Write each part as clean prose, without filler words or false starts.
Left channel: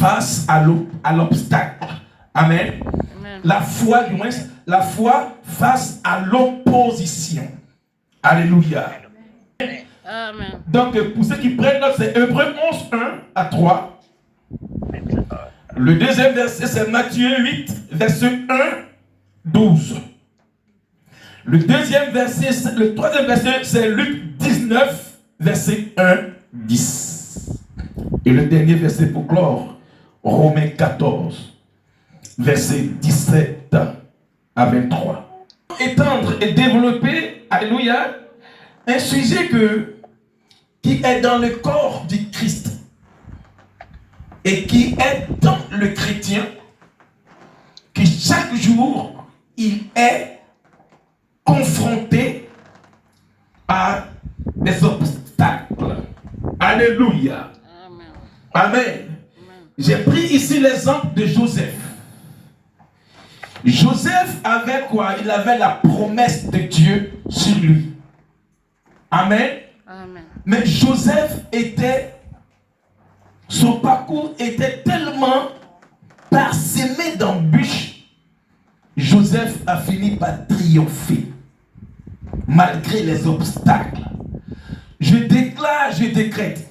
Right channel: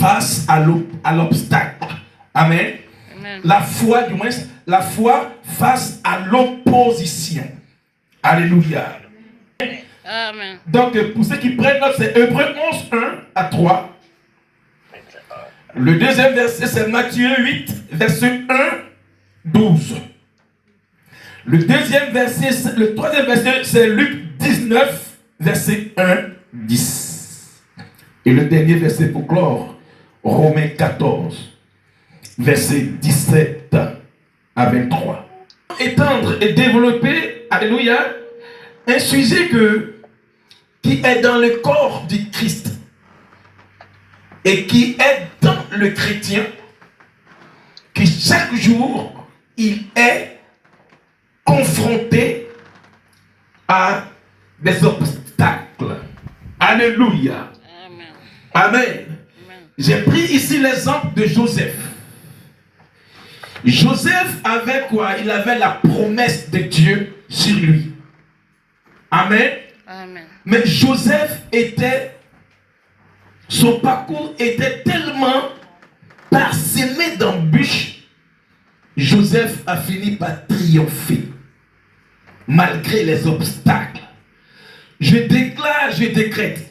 face à l'obstacle. Amen. Amen. La foi, du moins, la foi face à l'opposition. Alléluia. Amen. Donc, pour ceux qui prennent note, c'est Hébreux 11, 1 à 3. Le deuxième verset, c'est Matthieu 8, verset 1, 12. Le troisième verset, c'est Luc 19, verset 1, 10. Et le dernier verset pour clore, Romains 14, verset 17 à 23. Étendre et développer, alléluia, un sujet qui est dans le corps du Christ et qui est dans le chrétien, qui chaque jour, il est confronté à des obstacles. Alléluia. Amen. Amen. Amen. J'ai pris ici l'exemple de Joseph. Joseph avait quoi? Il avait la promesse de Dieu sur lui. Amen. Amen. Mais Joseph son parcours était tellement parsemé d'embûches. Joseph a fini par triompher malgré les obstacles. Je déclare, je décrète,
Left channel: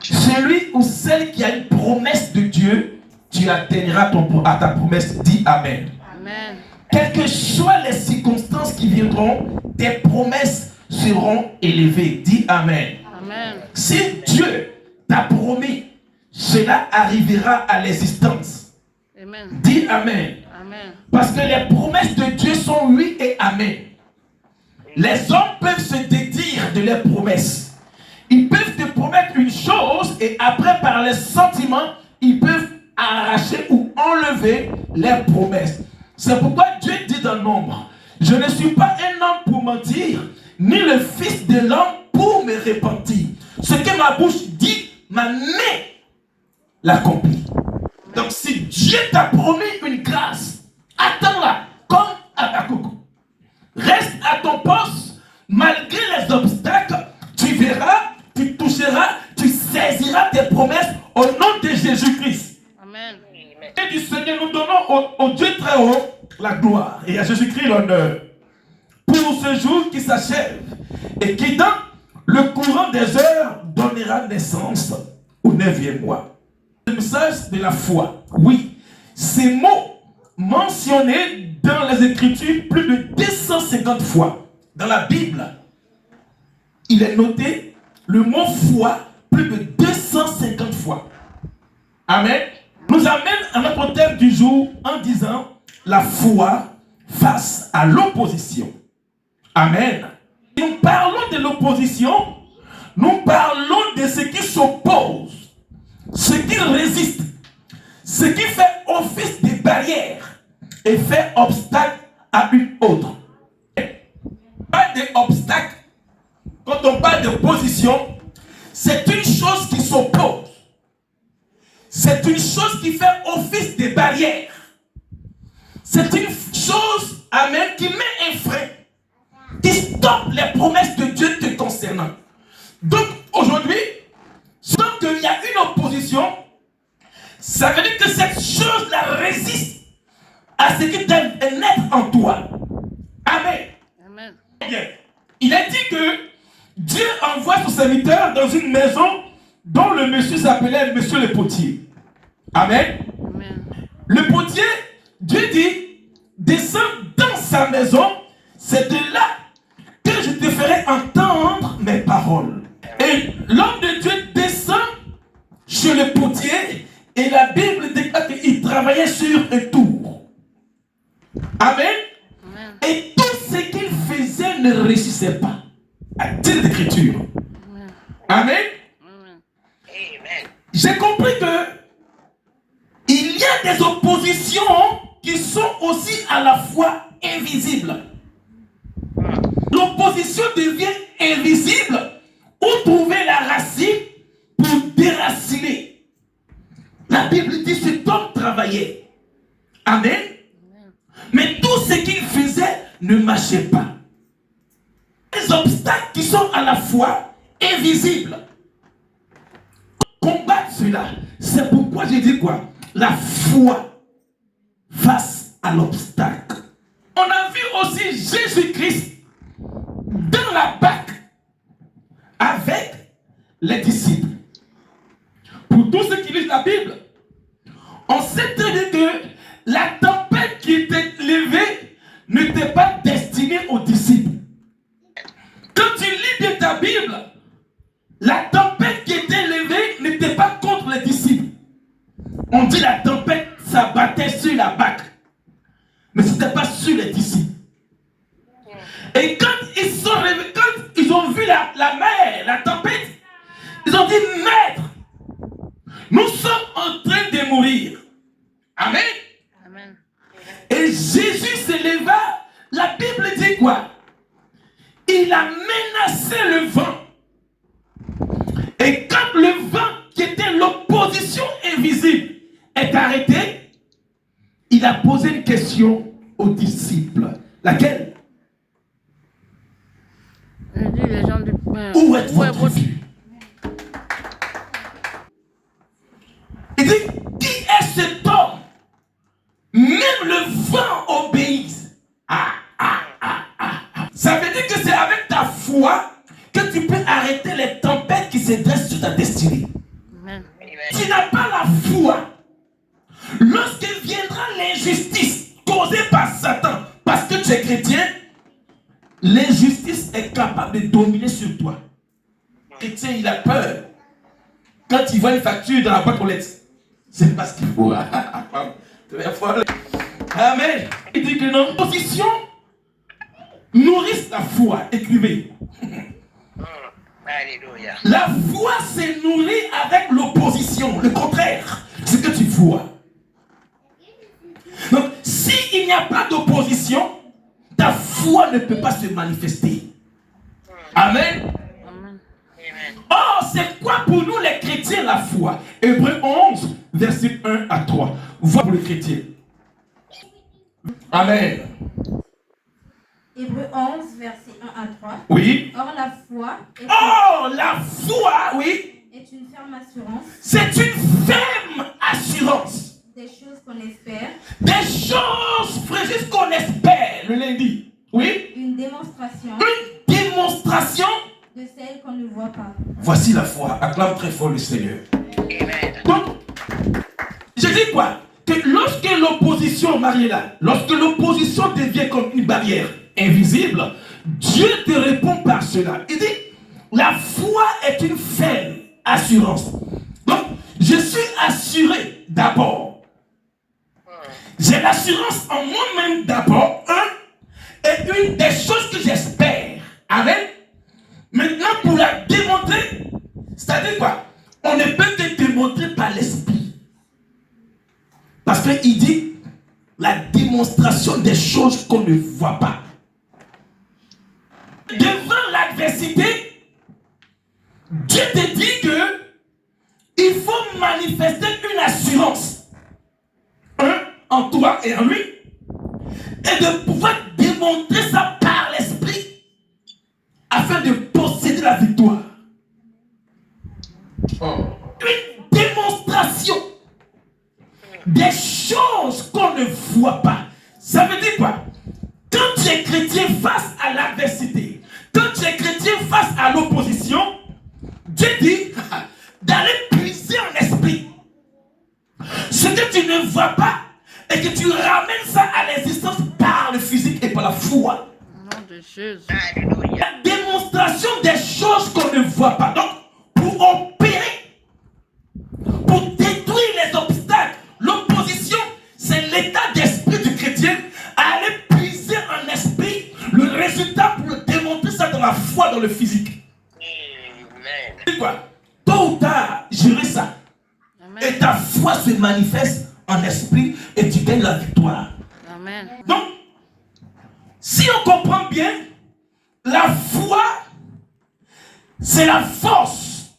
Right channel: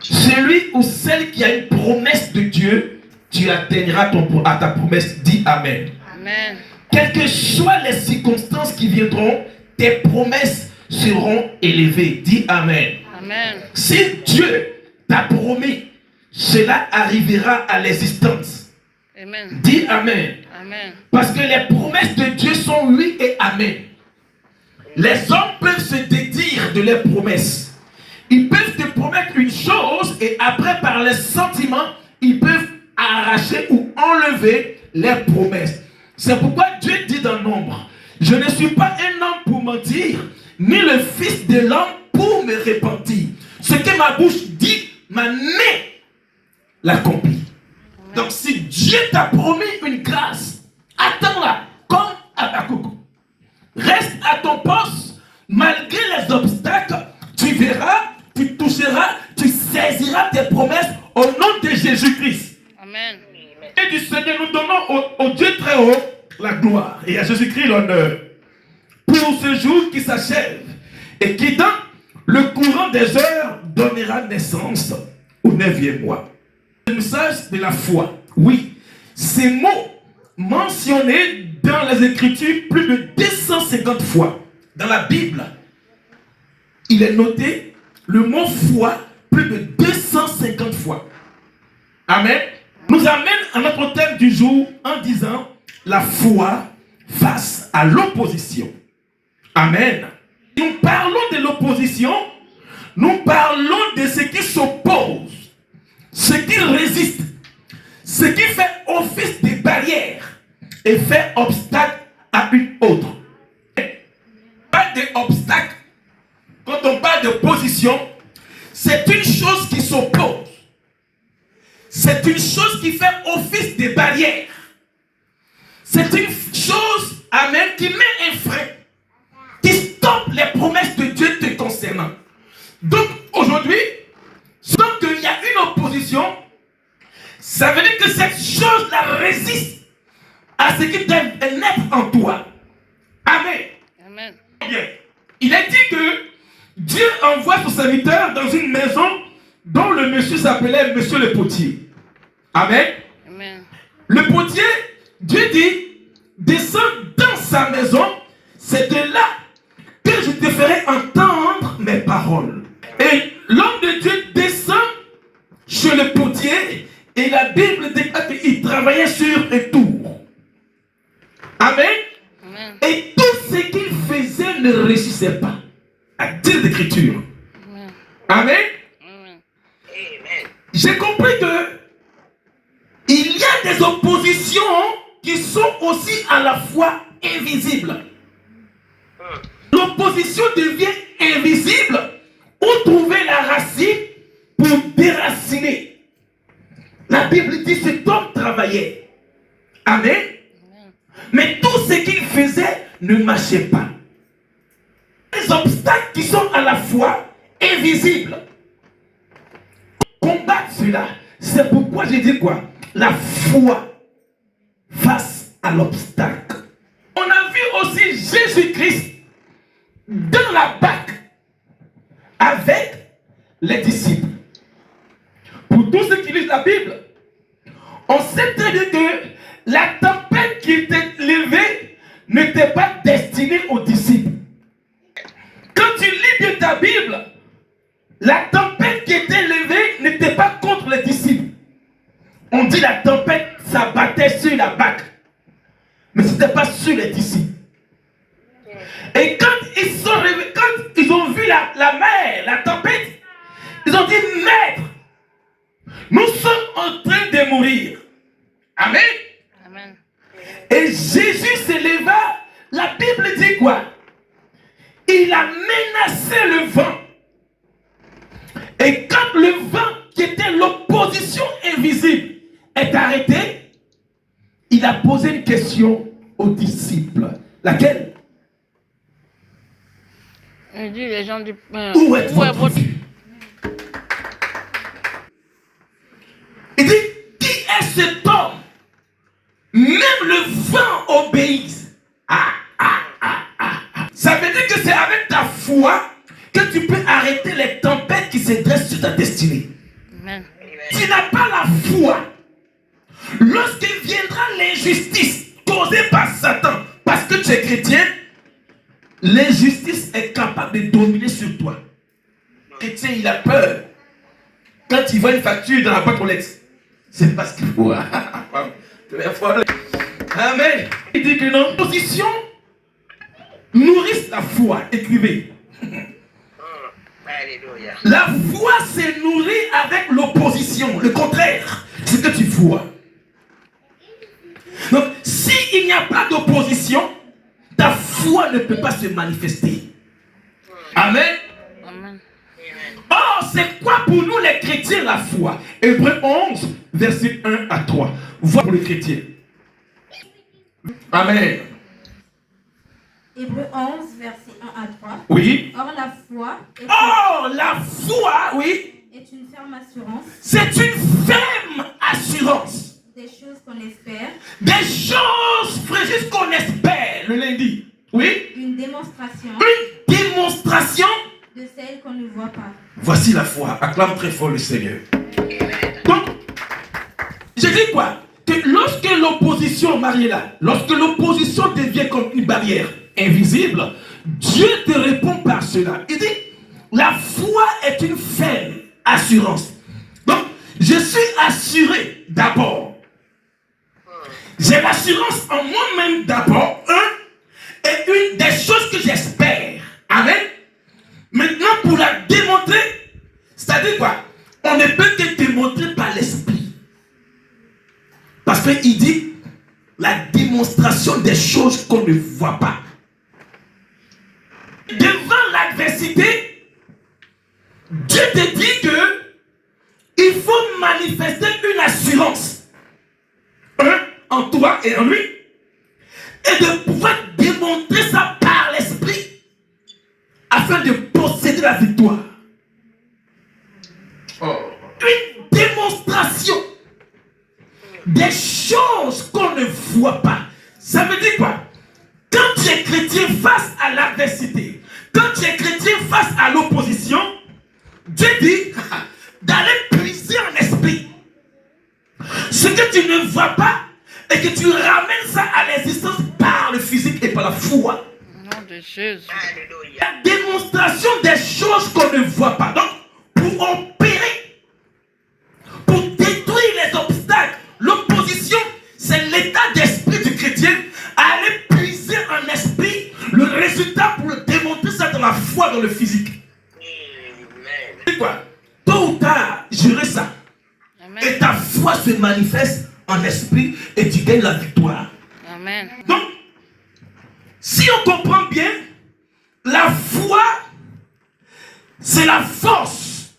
celui ou celle qui a une promesse de Dieu, tu atteindras à ta promesse. Dis Amen. Amen. Quelles que soient les circonstances qui viendront, tes promesses seront élevées. Dis Amen. Amen. Si Dieu t'a promis, cela arrivera à l'existence. Amen. Dis Amen. Amen. Parce que les promesses de Dieu sont oui et Amen. Les hommes peuvent se dédire de leurs promesses. Ils peuvent te promettre une chose et après, par les sentiments, ils peuvent arracher ou enlever leurs promesses. C'est pourquoi Dieu dit dans Nombre, je ne suis pas un homme pour mentir, ni le fils de l'homme pour me repentir. Ce que ma bouche dit, ma main l'accomplit. Donc si Dieu t'a promis une grâce, attends-la comme Habakkuk. Reste à ton poste, malgré les obstacles, tu verras, tu toucheras, tu saisiras tes promesses au nom de Jésus-Christ. Amen. Et du Seigneur, nous donnons au Dieu très haut la gloire et à Jésus-Christ l'honneur pour ce jour qui s'achève et qui dans le courant des heures donnera naissance au 9e mois. Le message de la foi. Oui, ces mots mentionnés dans les Écritures plus de 250 fois. Dans la Bible, il est noté le mot foi plus de 250 fois. Amen. Nous amène à notre thème du jour en disant la foi face à l'opposition. Amen. Nous parlons de l'opposition, nous parlons de ce qui s'oppose, ce qui résiste, ce qui fait office de barrière et fait obstacle à une autre. Pas d'obstacle. Quand on parle d'opposition, c'est une chose qui s'oppose. C'est une chose qui fait office de barrière. C'est une chose, amen, qui met un frein, qui stoppe les promesses de Dieu te concernant. Donc aujourd'hui, tant qu'il y a une opposition, ça veut dire que cette chose-là résiste à ce qui doit naître en toi. Amen. Amen. Bien. Il est dit que Dieu envoie son serviteur dans une maison dont le monsieur s'appelait Monsieur le potier. Amen. Amen. Le potier, Dieu dit, descends dans sa maison, c'est de là que je te ferai entendre mes paroles. Et l'homme de Dieu descend chez le potier et la Bible dit qu'il travaillait sur un tour. Amen. Amen. Et tout ce qu'il faisait ne réussissait pas. À dire l'écriture. Amen. Amen. Amen. J'ai compris que il y a des oppositions qui sont aussi à la fois invisibles. L'opposition devient invisible où trouver la racine pour déraciner. La Bible dit que cet homme travaillait. Amen. Mais tout ce qu'il faisait ne marchait pas. Les obstacles qui sont à la fois invisibles. Combattre cela, C'est pourquoi j'ai dit quoi? La foi face à l'obstacle. On a vu aussi Jésus-Christ dans la barque avec les disciples. Pour tous ceux qui lisent la Bible, on sait très bien que la tempête qui était levée n'était pas destinée aux disciples. Quand tu lis bien ta Bible, la tempête qui était levée n'était pas contre les disciples. On dit la tempête s'abattait sur la barque, mais ce n'était pas sur les disciples. Et quand ils sont réveillés, quand ils ont vu la mer, la tempête, ils ont dit, Maître, nous sommes en train de mourir. Amen. Amen. Et Jésus s'éleva, la Bible dit quoi? Il a menacé le vent. Et quand le vent, qui était l'opposition invisible, est arrêté, il a posé une question aux disciples. Laquelle? Il dit les gens du Où est votre vue? Il dit, qui est cet homme? Même le vent obéit. Ça veut dire que c'est avec ta foi que tu peux arrêter les tempêtes qui se dressent sur ta destinée. Amen. Tu n'as pas la foi. Lorsque viendra l'injustice causée par Satan, parce que tu es chrétien, l'injustice est capable de dominer sur toi. Le chrétien, il a peur. Quand il voit une facture dans la boîte aux lettres, c'est parce qu'il faut. Amen. Il dit que nos positions nourrissent la foi. Écrivez. La foi se nourrit avec l'opposition. Le contraire, c'est que tu vois. Donc, s'il n'y a pas d'opposition, ta foi ne peut pas se manifester. Amen. Amen. Or, c'est quoi pour nous les chrétiens la foi? Hébreux 11, verset 1 à 3. Voix pour les chrétiens. Amen. Hébreux 11, verset 1 à 3. Oui. Or, la foi Oui, est une ferme assurance c'est une ferme assurance. des choses qu'on espère, Des choses, frère, qu'on espère le lundi. Oui. une démonstration Une démonstration. de celles qu'on ne voit pas. Voici la foi. Acclame très fort le Seigneur. Donc, je dis quoi? Que lorsque l'opposition, Mariella, lorsque l'opposition devient comme une barrière invisible, Dieu te répond par cela. Il dit, la foi est une ferme assurance. Donc, je suis assuré d'abord. J'ai l'assurance en moi-même d'abord, et une des choses que j'espère. Amen. Maintenant, pour la démontrer, c'est-à-dire quoi? On ne peut que démontrer par l'esprit. Parce qu'il dit la démonstration des choses qu'on ne voit pas. Devant l'adversité, Dieu te dit que il faut manifester une assurance en toi et en lui, et de pouvoir démontrer ça par l'esprit afin de posséder la victoire. Une démonstration des choses qu'on ne voit pas. Ça veut dire quoi? Quand tu es chrétien face à l'adversité, quand tu es chrétien face à l'opposition, Dieu dit d'aller puiser en esprit ce que tu ne vois pas et que tu ramènes ça à l'existence par le physique et par la foi. Au nom de Jésus. La démonstration des choses qu'on ne voit pas. Donc, pour opérer, pour détruire les obstacles, l'opposition, c'est l'état d'esprit du chrétien à aller puiser en esprit le résultat pour le démontrer ça dans la foi, dans le physique. C'est quoi? Tôt ou tard, j'aurai ça. Amen. Et ta foi se manifeste en esprit et tu gagnes la victoire. Amen. Donc, si on comprend bien, la foi, c'est la force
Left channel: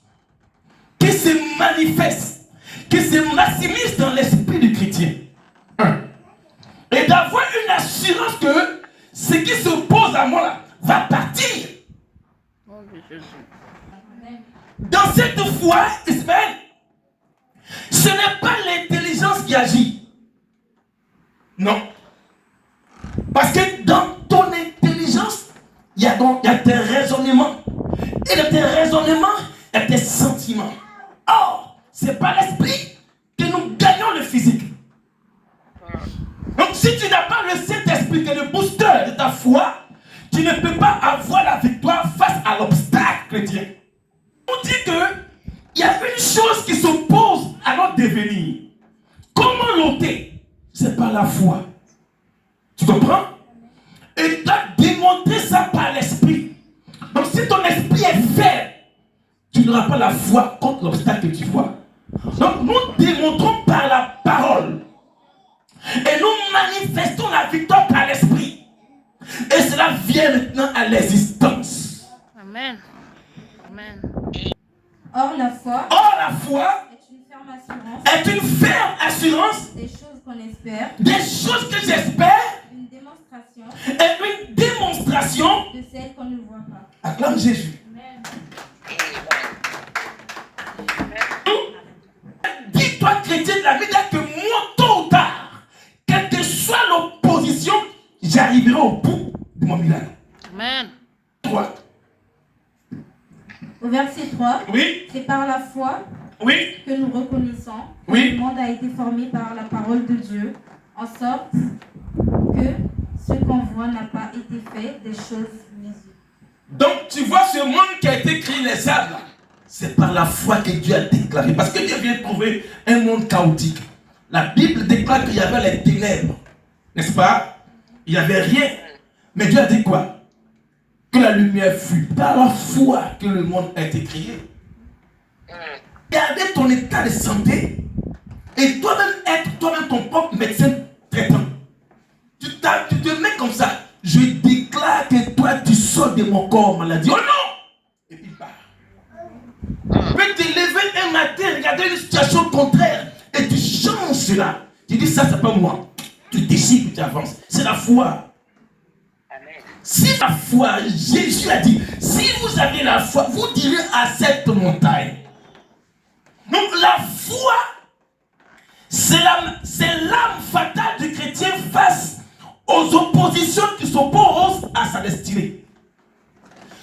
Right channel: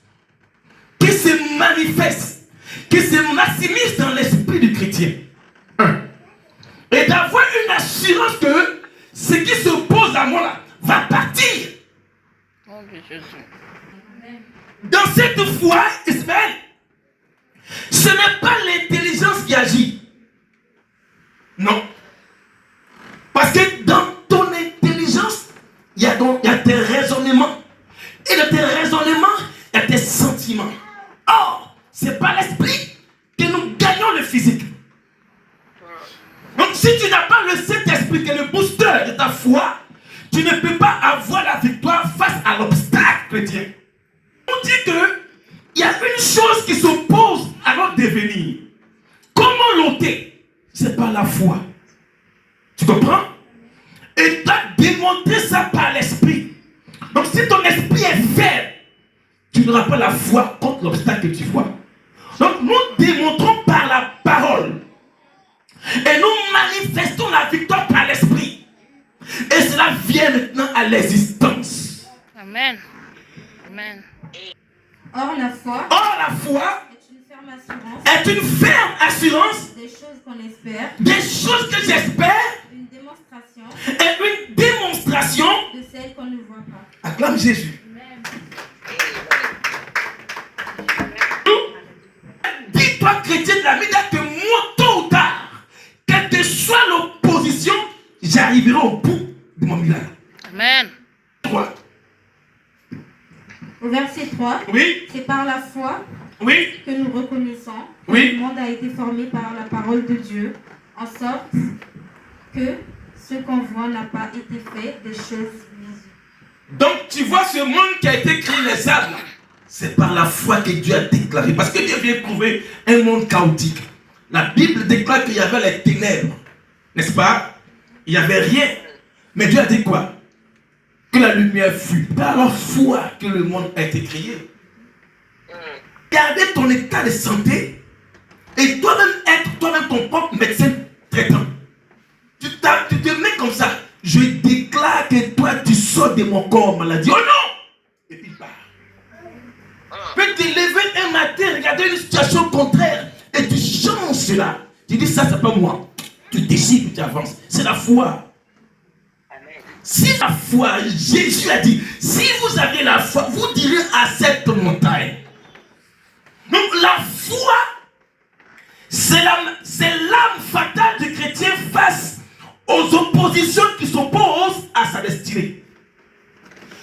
qui se manifeste, qui se maximise dans l'esprit du chrétien. Et d'avoir une assurance que ce qui s'oppose à moi là va partir. Au nom de Jésus. Dans cette foi, Ismaël, Ce n'est pas l'intelligence qui agit. Non. Parce que dans ton intelligence, il y a tes raisonnements. Et dans tes raisonnements, il y a tes sentiments. Or, c'est par l'esprit que nous gagnons le physique. Donc, si tu n'as pas le Saint-Esprit qui est le booster de ta foi, tu ne peux pas avoir la victoire face à l'obstacle chrétien. On dit qu'il y a une chose qui s'oppose à notre devenir. Comment l'ôter? C'est par la foi. Tu comprends? Et tu as démontré ça par l'esprit. Donc si ton esprit est faible, tu n'auras pas la foi contre l'obstacle que tu vois. Donc nous démontrons par la parole. Et nous manifestons la victoire par l'esprit. Et cela vient maintenant à l'existence. Amen. Amen. Or, la foi est une ferme assurance des choses qu'on espère, des choses que j'espère une démonstration et une démonstration de celles qu'on ne voit pas. Acclame Jésus. Dis-toi, chrétien de la Média, que moi, tôt ou tard, quelle que soit l'opposition, j'arriverai au bout de mon miracle. Amen. 3. Au verset 3, Oui. c'est par la foi Oui. que nous reconnaissons que Oui. le monde a été formé par la parole de Dieu, en sorte que ce qu'on voit n'a pas été fait des choses visibles. Donc, tu vois ce monde qui a été créé, les sables, c'est par la foi que Dieu a déclaré. Parce que Dieu vient prouver un monde chaotique. La Bible déclare qu'il y avait les ténèbres. N'est-ce pas? Il n'y avait rien. Mais Dieu a dit quoi? Que la lumière fut. Par la foi que le monde a été créé. Regardez ton état de santé. Et toi-même être toi-même ton propre médecin traitant. Tu te mets comme ça. Je déclare que toi tu sors de mon corps maladie. Oh non! Et puis part. Tu peux te lever un matin, regarder une situation contraire. Et tu changes cela. Tu dis ça, c'est pas moi. Tu décides que tu avances. C'est la foi. Si la foi, Jésus a dit, si vous avez la foi, vous direz à cette montagne. Donc la foi, c'est l'âme fatale du chrétien face aux oppositions qui s'opposent à sa destinée.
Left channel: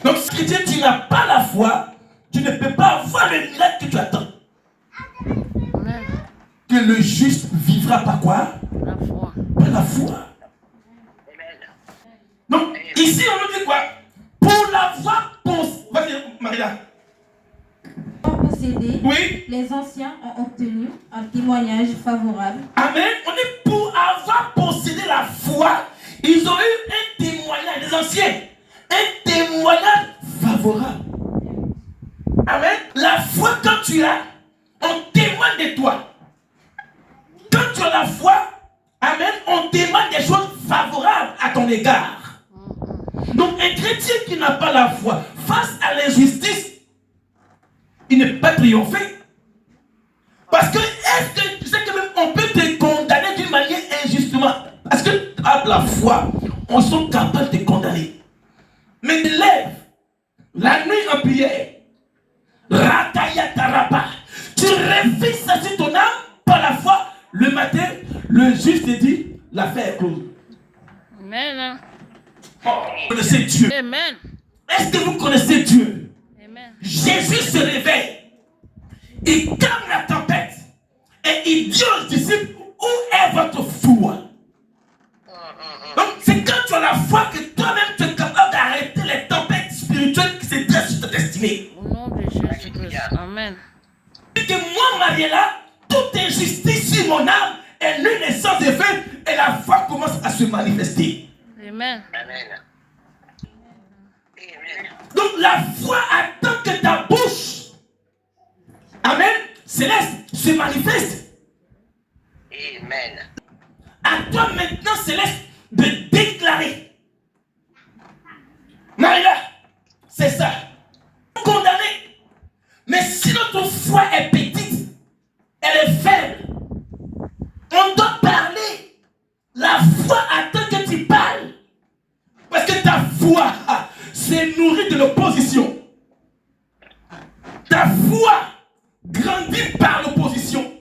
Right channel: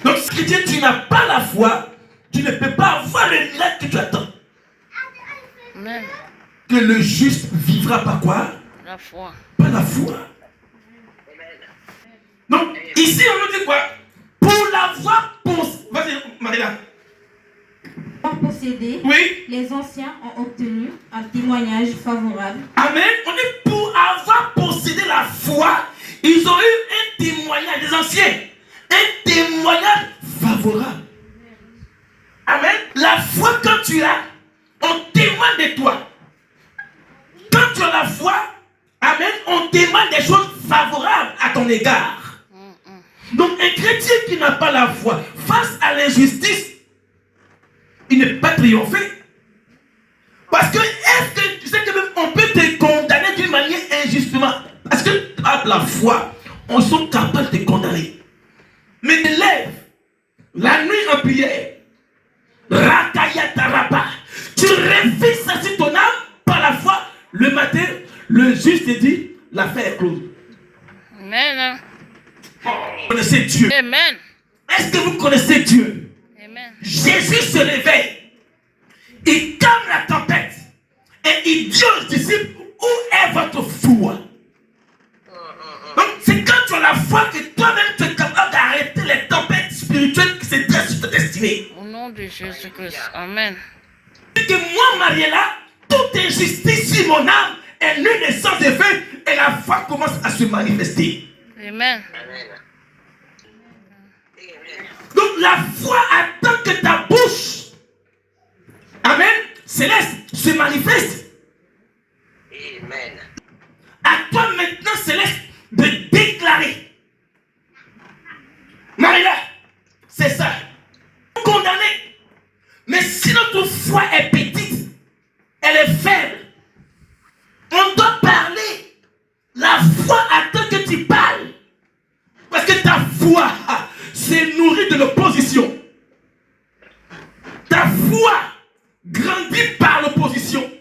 Donc si chrétien, tu n'as pas la foi, tu ne peux pas avoir le miracle que tu attends. Amen. Que le juste vivra par quoi? La foi. Par la foi. Donc, ici, on nous dit quoi? Pour l'avoir possédé. Vas-y, Maria. Pour posséder, Oui. les anciens ont obtenu un témoignage favorable. Amen. On est pour avoir possédé la foi. Ils ont eu un témoignage, les anciens. Un témoignage favorable. Amen. La foi, quand tu l'as, on témoigne de toi. Quand tu as la foi, amen, on témoigne des choses favorables à ton égard. Donc un chrétien qui n'a pas la foi face à l'injustice, il ne peut pas triompher. Parce que est-ce que tu sais que même on peut te condamner d'une manière injustement? Parce que par la foi, on est capable de te condamner. Mais te lève la nuit en prière. Rakayataraba. Tu réfléchis ça sur ton âme par la foi. Le matin, le juge te dit, l'affaire est close. Amen. Oh, vous connaissez Dieu. Amen. Est-ce que vous connaissez Dieu? Amen. Jésus se réveille. Il calme la tempête. Et il dit aux disciples, où est votre foi? Donc c'est quand tu as la foi que toi-même tu es capable d'arrêter les tempêtes spirituelles qui se dressent sur ta destinée. Au nom de Jésus-Christ. Amen. Et que moi, Mariella, toute injustice sur mon âme est nulle et sans effet. Et la foi commence à se manifester. Amen. Donc la foi attend que ta bouche, amen, céleste, se manifeste. Amen. À toi maintenant, céleste, de déclarer. Marie-là, c'est ça. Condamné. Mais si notre foi est petite, elle est faible, on doit parler. La foi attend que tu parles. Parce que ta foi s'est nourrie de l'opposition. Ta foi grandit par l'opposition.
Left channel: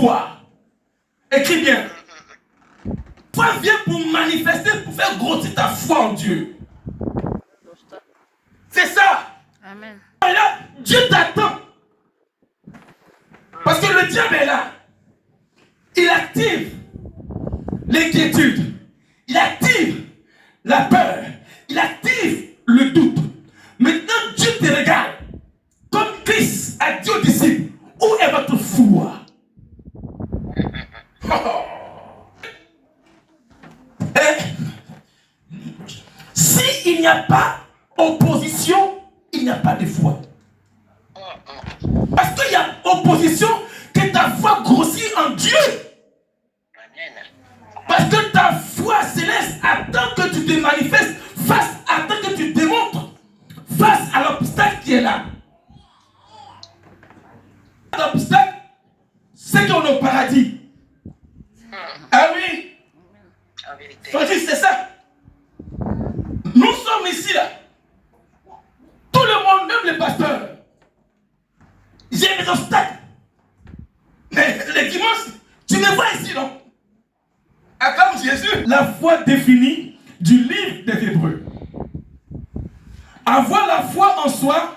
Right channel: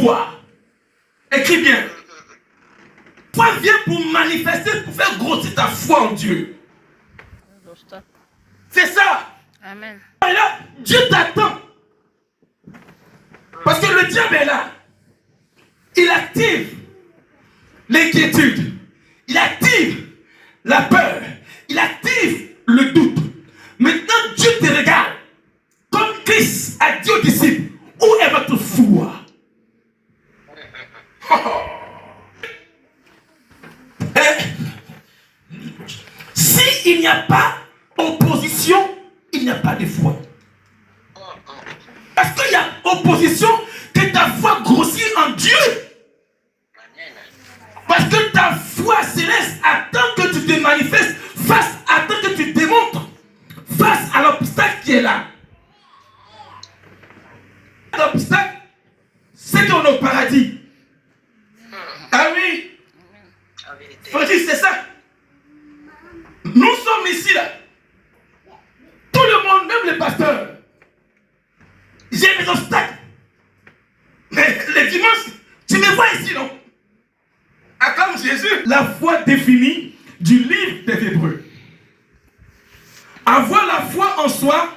foi. Écris bien. Foi vient pour manifester, pour faire grossir ta foi en Dieu. C'est ça. Amen. Et là, Dieu t'attend. Parce que le diable est là. Il active l'inquiétude. Il active la peur. Il active le doute. Maintenant, Dieu te regarde. Comme Christ a dit aux disciples, où est votre foi? S'il n'y a pas opposition, il n'y a pas de foi. Parce qu'il y a opposition, que ta foi grossit en Dieu. Parce que ta foi céleste attend que tu te manifestes, attend que tu démontres face à l'obstacle qui est là. L'obstacle, c'est qu'on est au paradis. Ah oui. Frère, c'est ça. Nous sommes ici là. Tout le monde, même les pasteurs. J'ai des obstacles. Mais les dimanches, tu me vois ici, non? Acclame Jésus. La foi définie du livre des Hébreux. Avoir la foi en soi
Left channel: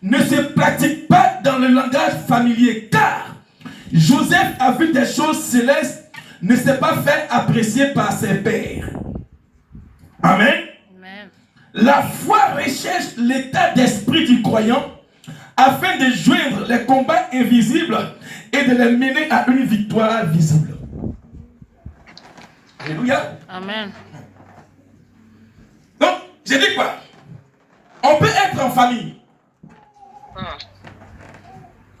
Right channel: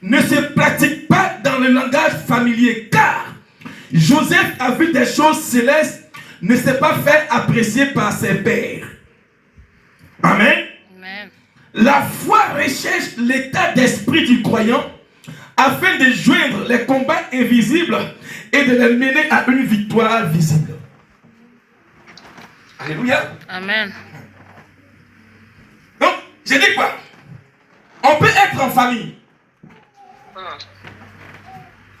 ne se pratique pas dans le langage familier, car Joseph a vu des choses célestes, ne s'est pas fait apprécier par ses pairs. Amen. Amen. La foi recherche l'état d'esprit du croyant afin de joindre les combats invisibles et de les mener à une victoire visible. Alléluia. Amen. Donc, j'ai dit quoi? On peut être en famille.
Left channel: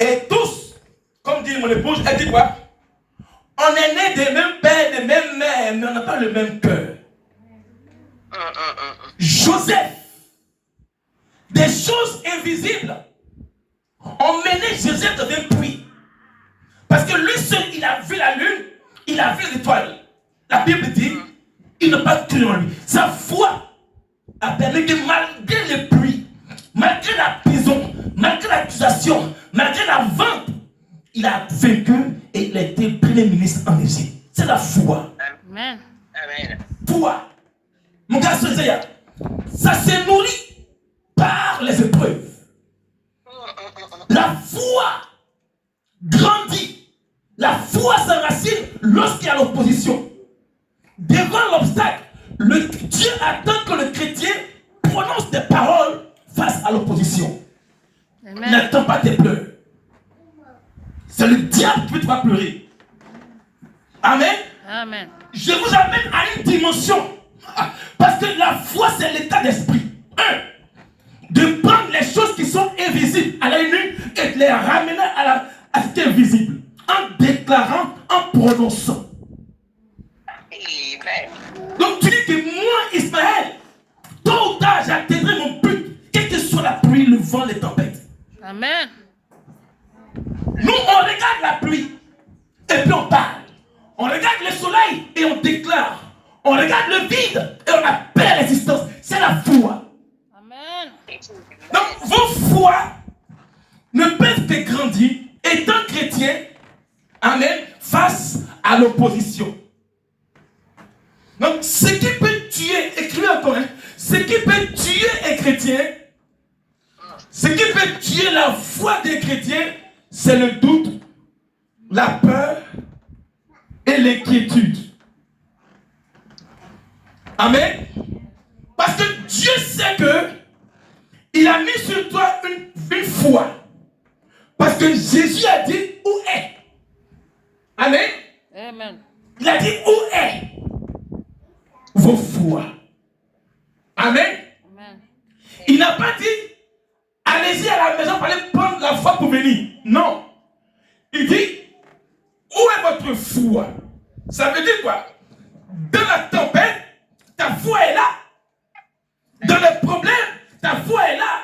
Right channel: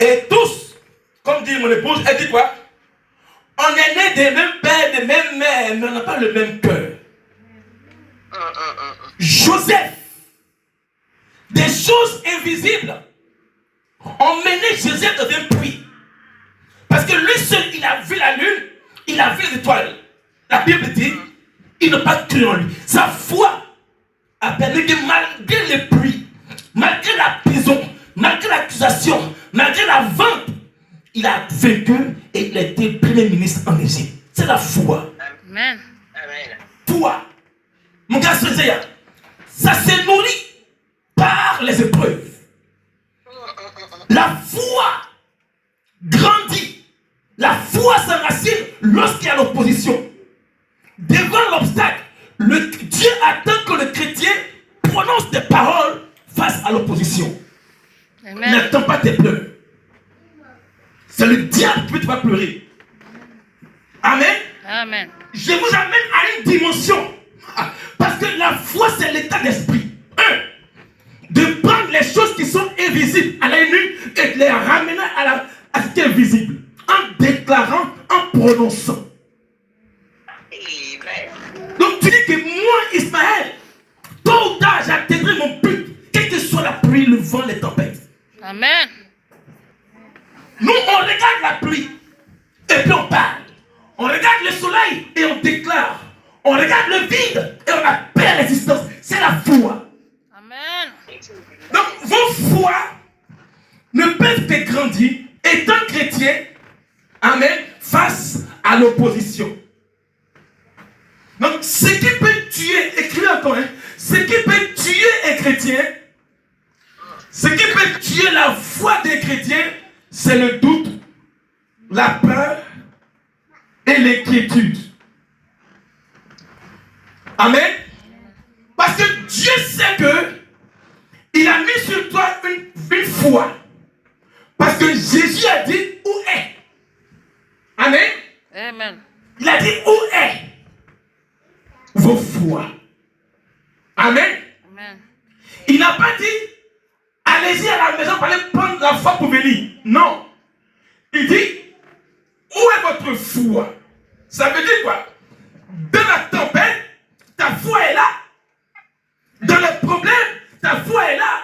Et tous, comme dit mon épouse, elle dit quoi? On est nés des mêmes pères, des mêmes mères, mais on n'a pas le même cœur. Joseph, des choses invisibles ont mené Joseph dans un puits. Parce que lui seul, il a vu la lune, il a vu les étoiles. La Bible dit, il n'a pas cru en lui. Sa foi a permis que malgré les pluies, malgré la prison, malgré l'accusation, malgré la vente, il a vaincu et il a été premier ministre en Égypte. C'est la foi. Amen. Amen. Foi. Mon gars, ça se nourrit par les épreuves. La foi grandit. La foi s'enracine lorsqu'il y a l'opposition. Devant l'obstacle, Dieu attend que le chrétien prononce des paroles face à l'opposition. Amen. N'attends pas tes pleurs. C'est le diable qui te va pleurer. Amen. Amen. Je vous amène à une dimension. Parce que la foi, c'est l'état d'esprit. De prendre les choses qui sont invisibles à la nuit et de les ramener à ce qui est visible. En déclarant, en prononçant. Amen. Donc tu dis que moi, Ismaël, tôt ou tard, j'atteindrai mon but. Quelle que soit la pluie, le vent, les tempêtes. Amen. Nous, on regarde la pluie et puis on parle. On regarde le soleil et on déclare. On regarde le vide et on appelle l'existence. C'est la foi. Amen. Donc, vos foi ne peuvent que grandir étant chrétien, amen, face à l'opposition. Donc, ce qui peut tuer, écrivez encore, ce qui peut tuer un chrétien, ce qui peut tuer la foi des chrétiens, c'est le doute, la peur et l'inquiétude. Amen. Parce que Dieu sait que il a mis sur toi une foi. Parce que Jésus a dit où est. Amen. Amen. Il a dit où est vos foi. Amen. Amen. Il n'a pas dit allez-y à la maison pour aller prendre la foi pour venir. Non. Il dit où est votre foi? Ça veut dire quoi? Dans la tempête, ta foi est là. Dans les problèmes, ta foi est là.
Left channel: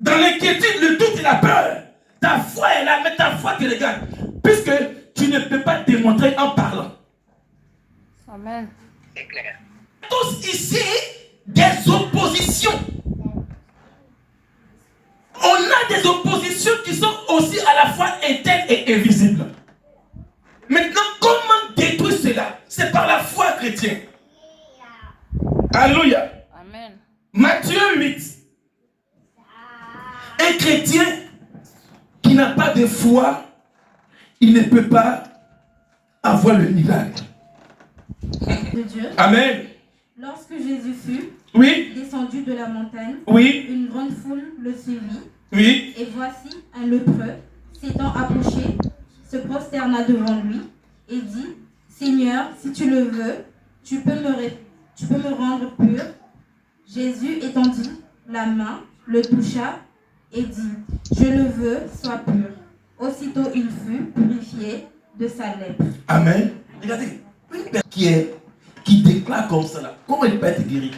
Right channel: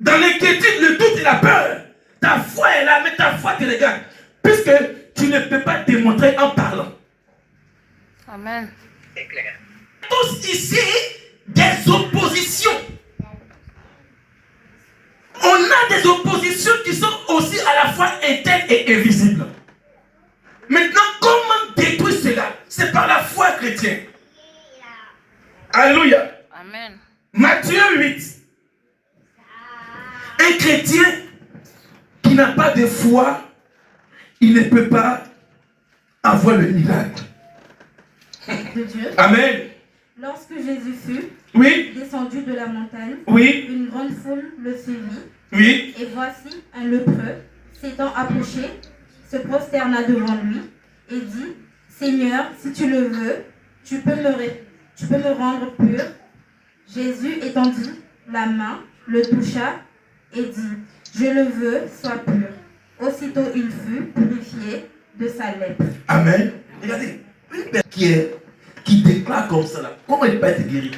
Dans l'inquiétude, le doute et la peur, ta foi est là, mais ta foi te regarde. Puisque tu ne peux pas démontrer en parlant. Amen. C'est clair. Tous ici, des oppositions. On a des oppositions qui sont aussi à la fois internes et invisibles. Maintenant, comment détruire cela? C'est par la foi chrétienne. Alléluia. Amen. Matthieu 8. Un chrétien qui n'a pas de foi, il ne peut pas avoir le miracle. De Dieu. Amen. Lorsque Jésus fut Oui, descendu de la montagne, oui, une grande foule le suivit, oui. et voici un lépreux, s'étant approché, se prosterna devant lui et dit, Seigneur, si tu le veux, tu peux me rendre pur. Jésus étendit la main, le toucha et dit, je le veux, sois pur. Aussitôt il fut purifié de sa lèpre. Amen. Regardez, une personne qui déclare comme ça, là, comment il peut être guéri?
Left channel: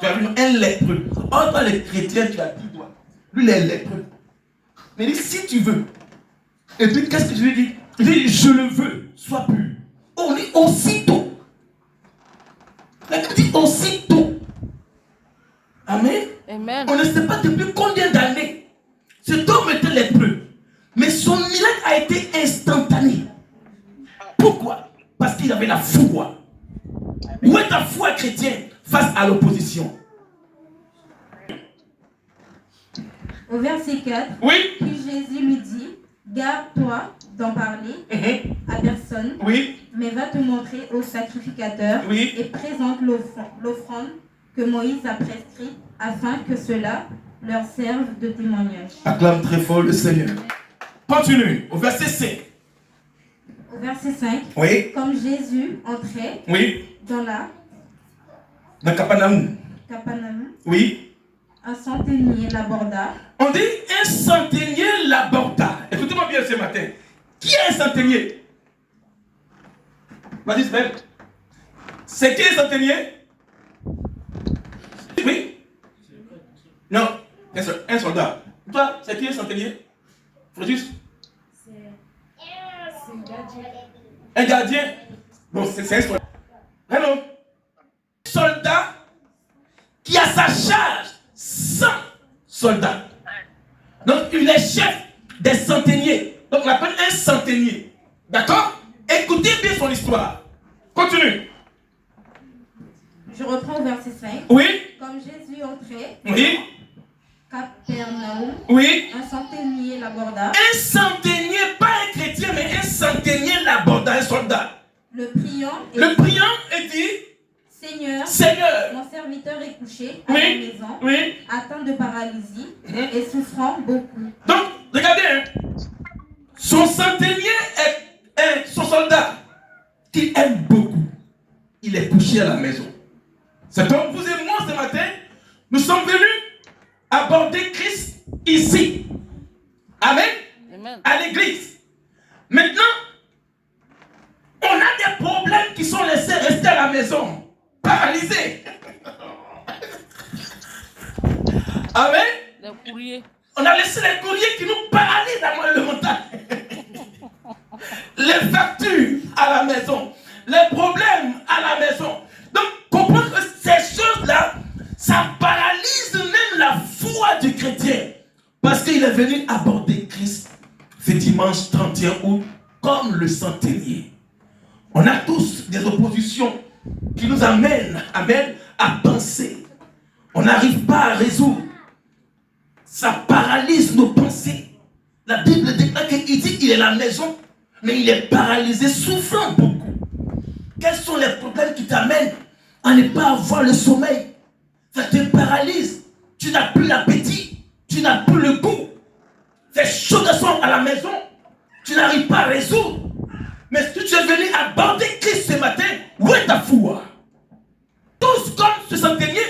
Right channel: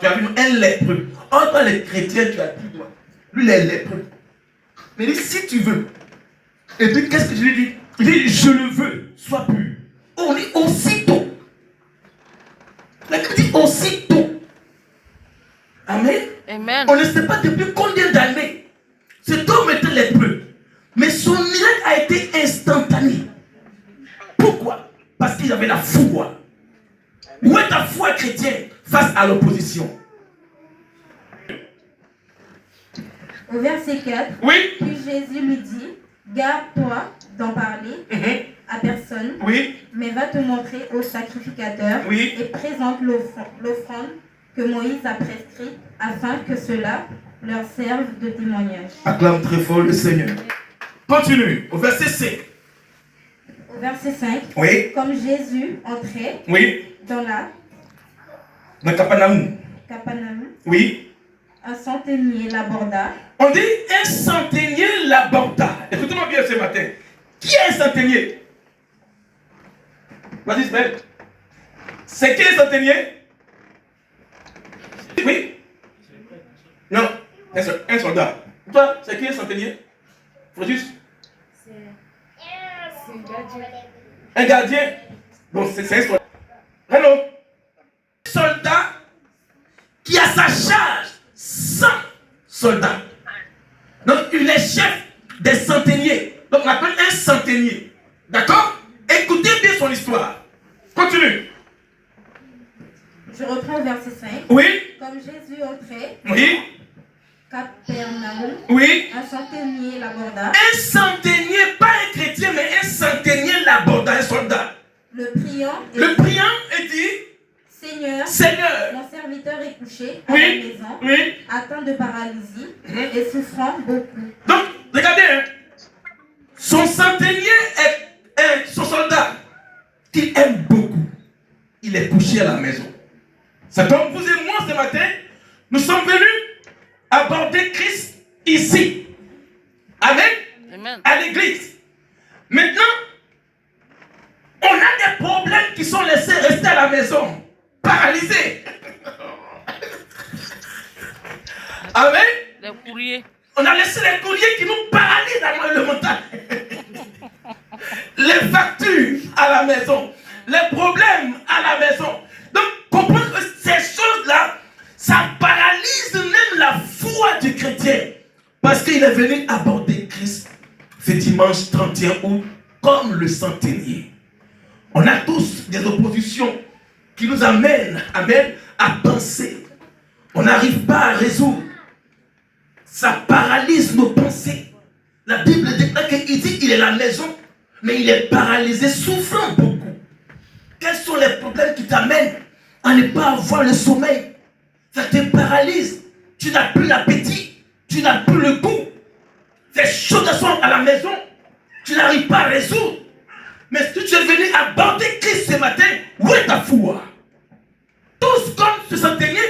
Tu as vu un lépreux. En tant les chrétiens, tu as dit, toi, lui, il est lépreux. Mais il dit, si tu veux. Et puis, qu'est-ce que je lui dis? Il dit, je le veux, sois pur. On dit aussitôt. Mais il dit aussitôt. Amen. Amen. On ne sait pas depuis combien d'années cet homme était lépreux. Mais son miracle a été instantané. Pourquoi? Parce qu'il avait la foi. Où est ta foi chrétienne face à l'opposition? Au verset 4, Oui. puis Jésus lui dit, garde-toi d'en parler à personne, Oui. mais va te montrer au sacrificateur Oui. et présente l'offrande que Moïse a prescrite afin que cela leur serve de témoignage. Acclame très fort le Seigneur. Continue au verset 5. Au verset 5, Oui. comme Jésus entrait Oui. dans la Dans Capernaum. Capernaum, Oui. un centenier l'aborda. On dit un centenier l'aborda. Écoutez-moi bien ce matin. Qui est un centenier? Vas-y, Sven. C'est qui un centenier? Oui. Non, un soldat. Toi, c'est qui un centenier? Fréjus? Un gardien. Bon, c'est un soldat. Hello. Un soldat qui a sa charge 100 soldats. Donc, il est chef des centeniers. Donc, on appelle un centenier. D'accord? Écoutez bien son histoire. Continue. Je reprends au verset 5. Oui. Comme Jésus entrait, Oui. Capernaum, Oui. un centenier l'aborda, Un centenier, pas un chrétien, mais un centenier l'aborda, un soldat. le priant et Le priant et dit, Seigneur, Seigneur, mon serviteur est couché à la oui, maison, oui. atteint de paralysie et souffrant beaucoup. Donc, regardez, hein. Son centenier est son soldat qu'il aime beaucoup. Il est couché à la maison. C'est comme vous et moi ce matin, nous sommes venus aborder Christ ici. Amen. Amen. À l'église. Maintenant, on a des problèmes qui sont laissés rester à la maison, paralysés. Amen. Les courriers. On a laissé les courriers qui nous paralysent dans le mental. Les factures à la maison, les problèmes à la maison. Donc, comprendre que ces choses-là, ça paralyse même la foi du chrétien. Parce qu'il est venu aborder Christ ce dimanche 31 août comme le centenier. On a tous des oppositions qui nous amènent, à penser. On n'arrive pas à résoudre. Ça paralyse nos pensées. La Bible déclare qu'il dit qu'il est à la maison, mais il est paralysé, souffrant beaucoup. Quels sont les problèmes qui t'amènent à ne pas avoir le sommeil? Ça te paralyse. Tu n'as plus l'appétit. Tu n'as plus le goût. Ces choses sont à la maison. Tu n'arrives pas à résoudre. Mais si tu es venu aborder Christ ce matin, où est ta foi? Tous comme ce centenier,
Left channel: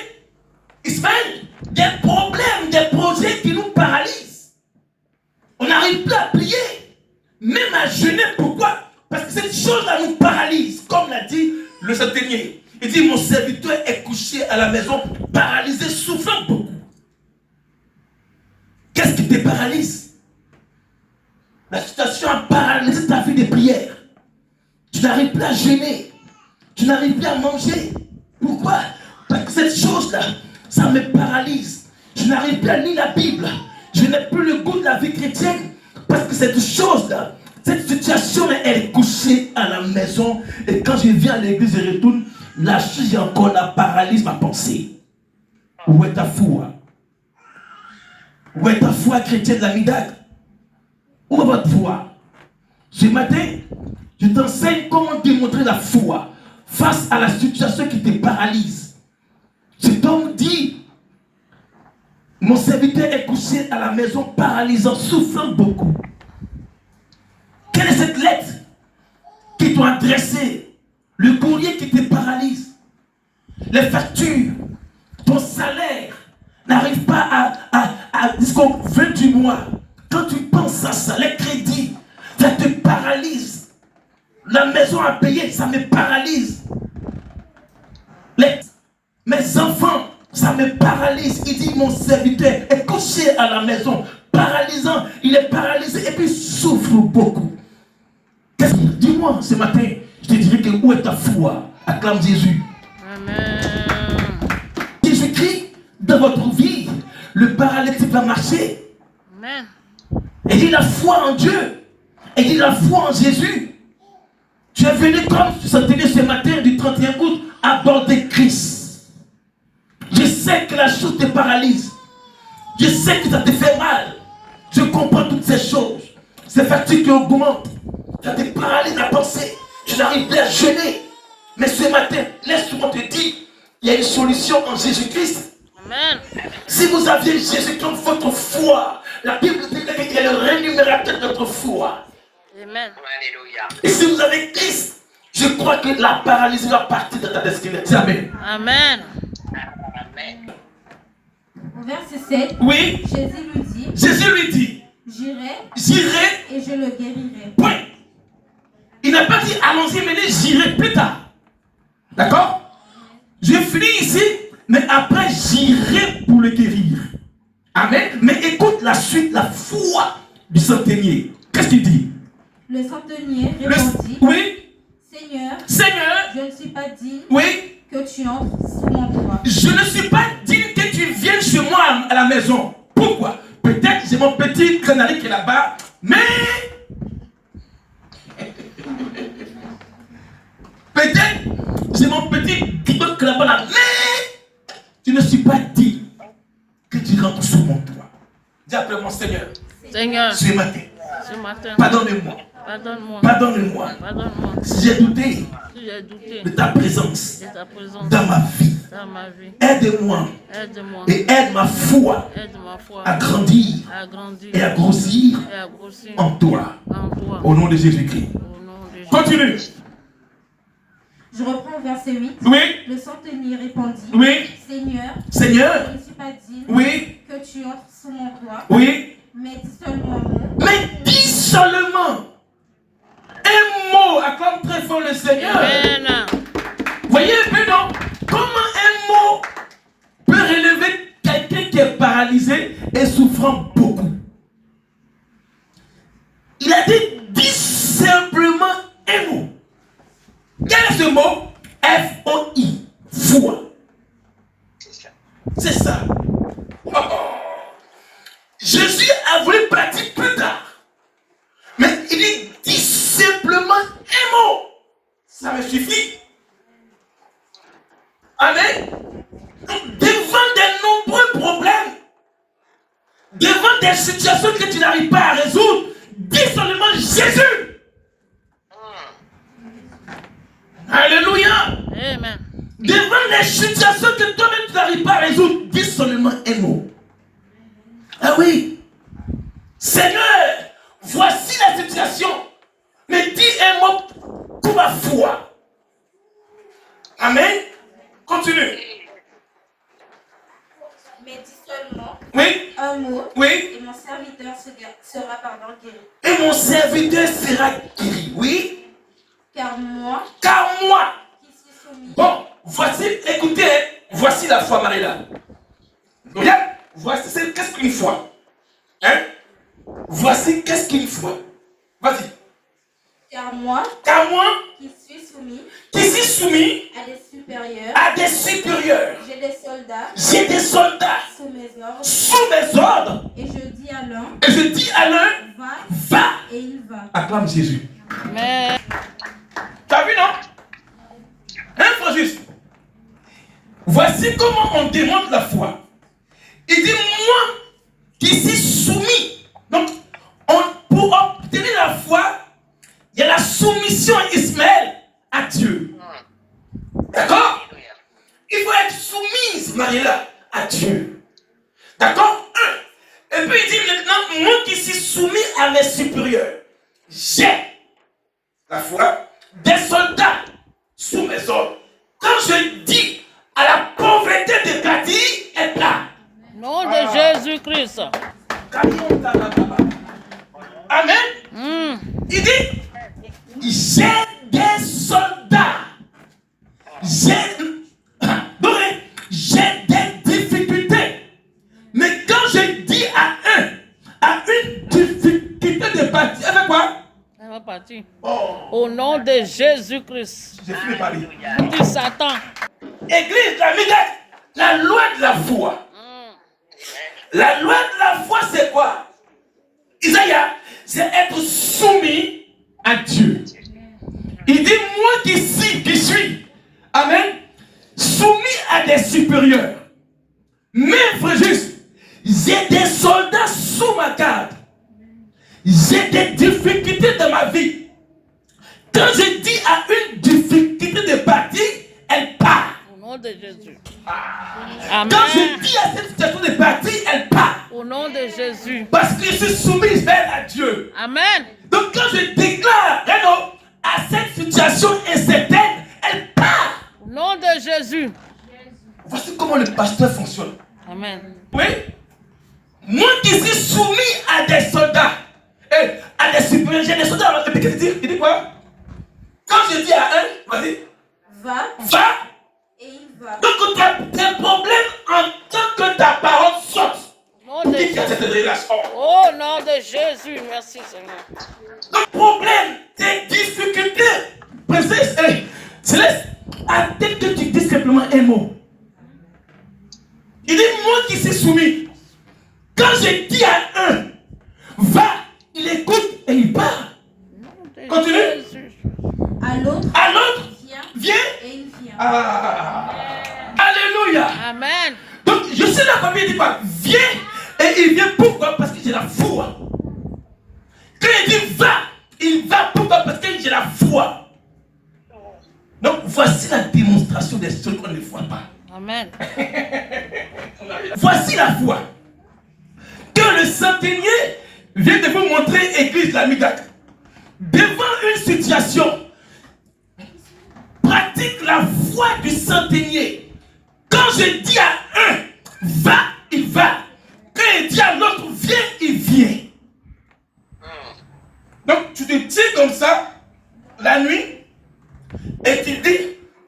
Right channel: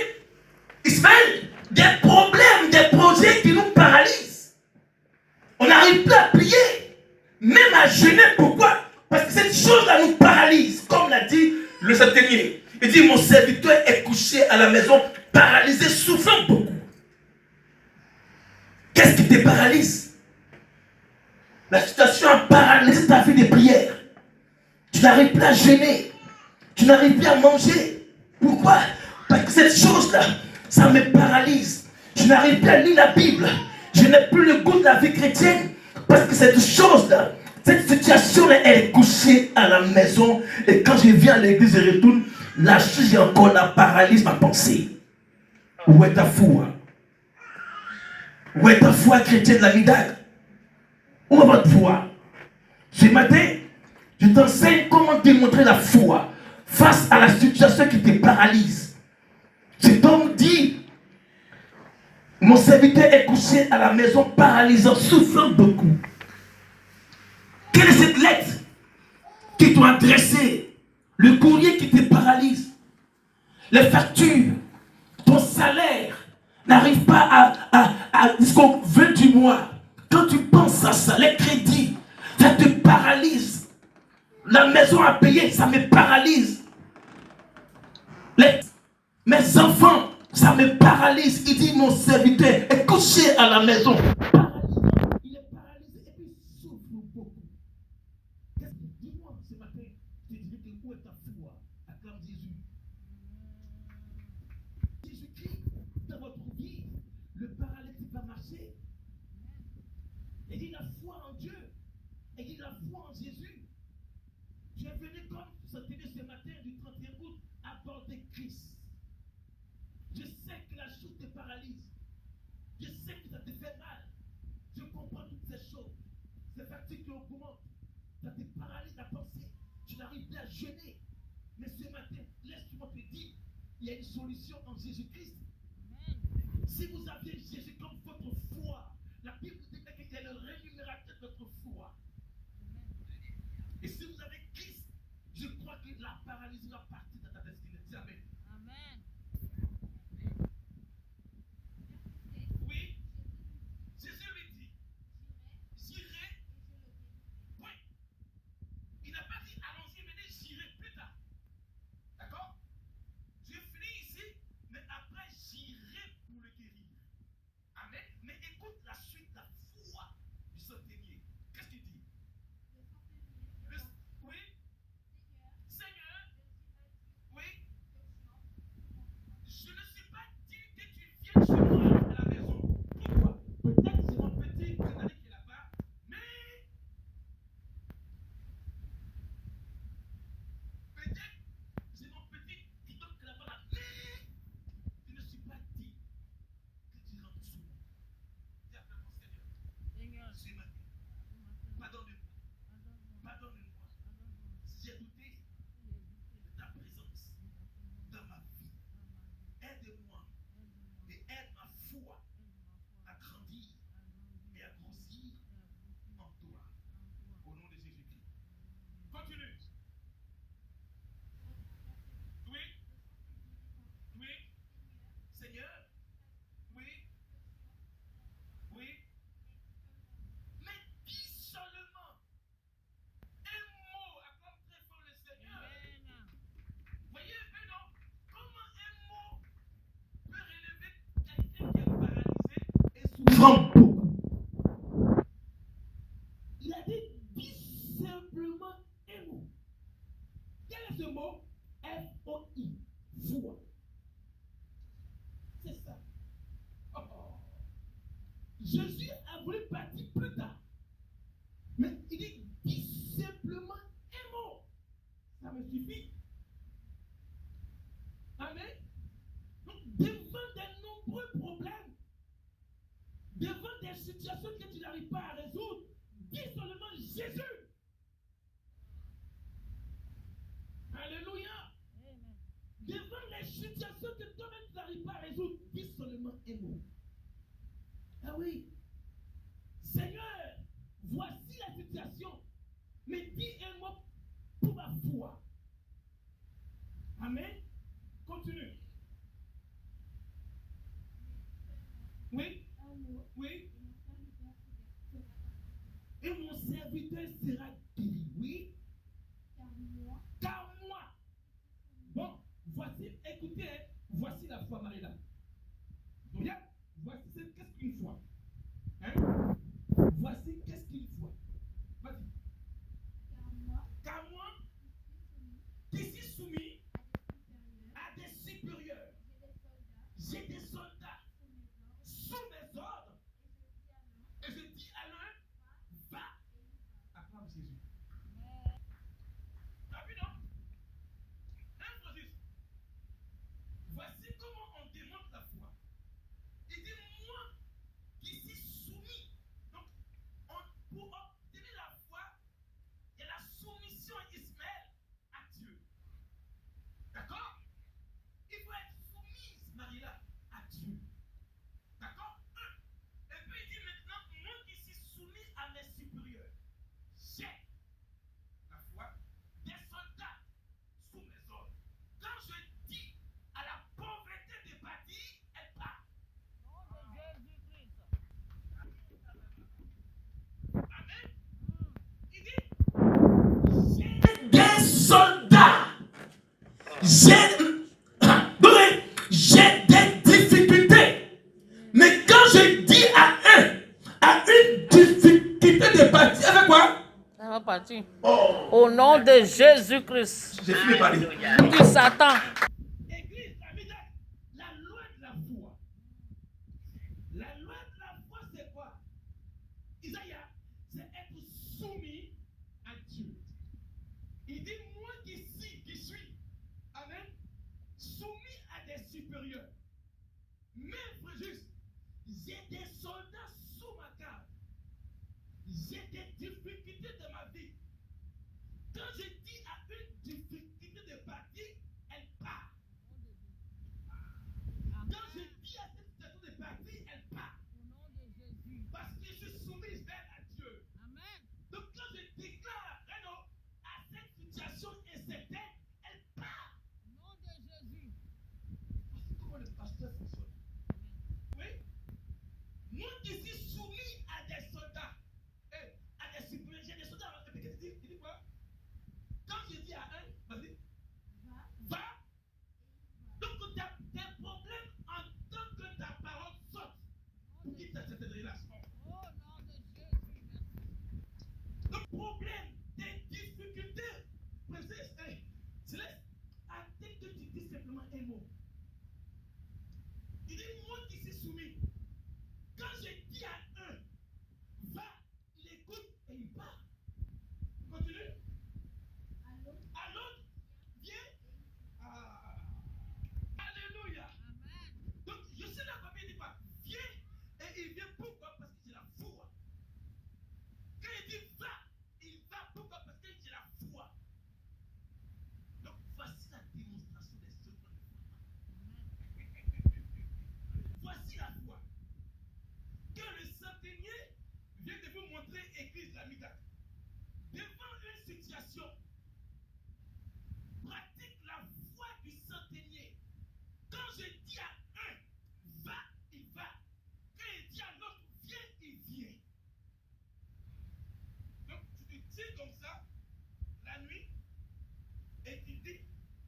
Israël, des problèmes, des projets qui nous paralysent. On n'arrive plus à prier, même à jeûner. Pourquoi? Parce que cette chose-là nous paralyse, comme l'a dit le centenier. Il dit, mon serviteur est couché à la maison, paralysé, souffrant beaucoup. Qu'est-ce qui te paralyse? La situation a paralysé ta vie de prière. Tu n'arrives plus à jeûner. Tu n'arrives plus à manger. Pourquoi? Parce que cette chose-là, ça me paralyse. Je n'arrive plus à lire la Bible. Je n'ai plus le goût de la vie chrétienne. Parce que cette chose-là cette situation, elle est couchée à la maison. Et quand je viens à l'église et retourne, là, j'ai encore la paralyse, ma pensée. Où est ta foi? Où est ta foi chrétienne de la Midag? Où est votre foi? Ce matin, je t'enseigne comment démontrer la foi face à la situation qui te paralyse. Cet homme dit, mon serviteur est couché à la maison paralysant, souffrant beaucoup. Quelle est cette lettre qui t'a adressée? Le courrier qui te paralyse. Les factures, ton salaire n'arrive pas jusqu'au 20 du mois. Quand tu penses à ça, les crédits, ça te paralyse. La maison à payer, ça me paralyse. Mes enfants, ça me paralyse. Il dit, mon serviteur est couché à la maison, paralysant. Il est paralysé et puis souffre beaucoup. Dis-moi ce matin, je te dirai que où est ta foi? Acclame Jésus. Amen. Jésus-Christ, dans votre vie, le paralytique va marcher. Amen. Et dit la foi en Dieu. Et dit la foi en Jésus. Tu es venu comme tu s'entendais ce matin du 31 août aborder Christ. Je sais que la chose te paralyse. Je sais que ça te fait mal. Je comprends toutes ces choses. Ces factures qui augmentent. Ça te paralyse la pensée. Tu n'arrives plus à jeûner. Mais ce matin, laisse-moi te dire, il y a une solution en Jésus-Christ. Amen. Si vous aviez Jésus comme votre foi, la Bible dit qu'il est le rémunérateur de notre foi. Amen. Alléluia. Et si vous avez Christ, je crois que la paralysie va partir de ta destinée. Dis Amen. Amen. Amen. Au verset 7, Oui, Jésus lui dit, Jésus lui dit, j'irai j'irai, et je le guérirai. point. Il n'a pas dit allons-y, mais j'irai plus tard. D'accord? Je finis ici, mais après j'irai pour le guérir. Amen. Mais écoute la suite, la foi du centenier. Qu'est-ce qu'il dit? Le centenier répondit, Oui, Seigneur, Seigneur, je ne suis pas digne oui, que tu entres sous mon toit. je ne suis pas digne que tu viennes chez moi à la maison. Pourquoi? Peut-être j'ai mon petit canari qui est là-bas, mais peut-être j'ai mon petit guidon qui est là-bas, mais je ne suis pas digne que tu rentres sous mon toit. Dis après mon Seigneur, Seigneur, ce matin, ce matin, pardonne-moi, pardonne-moi. pardonne-moi Pardonne-moi si j'ai douté si j'ai douté de ta présence de ta présence dans ma vie. dans ma vie. Aide-moi Aide-moi. et aide ma foi Aide ma foi à grandir à grandir et à grossir et à grossir en toi. en toi. Au nom de Jésus-Christ. Au nom de Jésus. Continue. Je reprends au verset 8. Oui, Le centenier répondit, oui, Seigneur, Seigneur, je ne suis pas digne oui, que tu entres sous mon toit, oui. mais dis seulement un mot. Mais dis seulement un mot, acclame très fort le Seigneur. Amen. Voyez un peu, non? Comment un mot peut relever quelqu'un qui est paralysé et souffrant beaucoup? Il a dit, dis simplement un mot. Quel est ce mot? F-O-I, foi. C'est ça. Oh. Jésus a voulu partir plus tard. Mais il dit, dis simplement un mot. Ça me suffit. Amen. Donc, devant de nombreux problèmes, devant des situations que tu n'arrives pas à résoudre, dis seulement Jésus. Alléluia. Amen. Devant les situations que toi-même tu n'arrives pas à résoudre, dis seulement un mot. Ah oui. Seigneur, voici la situation. Mais dis un mot pour ma foi. Amen. Continue. Mais dis seulement Oui, un mot, oui. et mon serviteur sera guéri. Et mon serviteur sera guéri. Oui. Car moi, Car moi. qui suis soumis, Bon, voici, écoutez, hein, voici la foi, Marie-là. Regarde, voici, c'est qu'est-ce qu'une foi? Hein? Voici qu'est-ce qu'une foi. Vas-y. car moi, Car moi, qui suis soumis qui suis soumis à des supérieurs, à des supérieurs, j'ai des soldats j'ai des soldats sous mes ordres, sous mes ordres, et je dis à l'un, et je dis à l'un, va, va, et il va. Acclame Jésus. Amen. T'as vu, non? Hein, frère juste? Voici comment on démontre la foi. Il dit, moi qui suis soumis. Donc, pour obtenir la foi, il y a la soumission Ismaël à Dieu. D'accord? Il faut être soumise, Marie-là, à Dieu. D'accord? Et puis il dit maintenant, moi qui suis soumis à mes supérieurs, j'ai la foi des soldats sous mes ordres. Quand je dis à la pauvreté de Cathy, est là. Nom de Jésus-Christ. Amen. Il dit, j'ai des soldats. J'ai des difficultés. Mais quand je dis à une difficulté de partir, avec quoi? Ça va partir. Oh, Au nom de Jésus-Christ. j'ai fini de parler. Dis Satan. Église, la loi de la foi. La loi de la foi, c'est quoi? Isaïe, c'est être soumis à Dieu. Il dit, moi qui suis, amen, soumis à des supérieurs. Mais, frère juste, j'ai des soldats sous ma garde. J'ai des difficultés dans ma vie. Quand je dis à une difficulté de partir, elle part. Au nom de Jésus. Quand je Amen. dis à cette situation de partir, elle part. Au nom de Jésus. Parce que je suis soumis à Dieu. Amen. Donc quand je déclare à cette situation incertaine, elle part. Au nom de Jésus. Voici comment le pasteur fonctionne. Amen. Oui. Moi qui suis soumis à des soldats, et à des supérieurs, j'ai des soldats. Et qu'est-ce qu'il dit? Il dit quoi? Quand je dis à un, vas-y, Va va. et il va. Donc tes problèmes en tant que ta parole sorte. Au nom de Dis qu'il y a cette Jésus. relation. Au nom de Jésus. Merci Seigneur. Donc problème, tes difficultés, princesse, Céleste, attends que tu dis simplement un mot. Il dit, moi qui suis soumis, quand je dis à un, va, il écoute et il part. Au nom de Continue. Jésus. À l'autre, À l'autre, viens viens. et il vient. Alléluia. Amen. Donc je suis là comme il dit pas, viens et il vient. Pourquoi? Parce que j'ai la foi. Quand il dit va, il va. Pourquoi? Parce que j'ai la foi. Donc voici la démonstration des choses qu'on ne voit pas. Amen. Voici la foi. Que le centenier vient de vous montrer, église la Midak. Devant une situation, pratique la foi du centenier. Quand je dis à un, va, il va. Quand il dit à l'autre, viens, il vient. Donc tu te tiens comme ça, la nuit, et tu dis,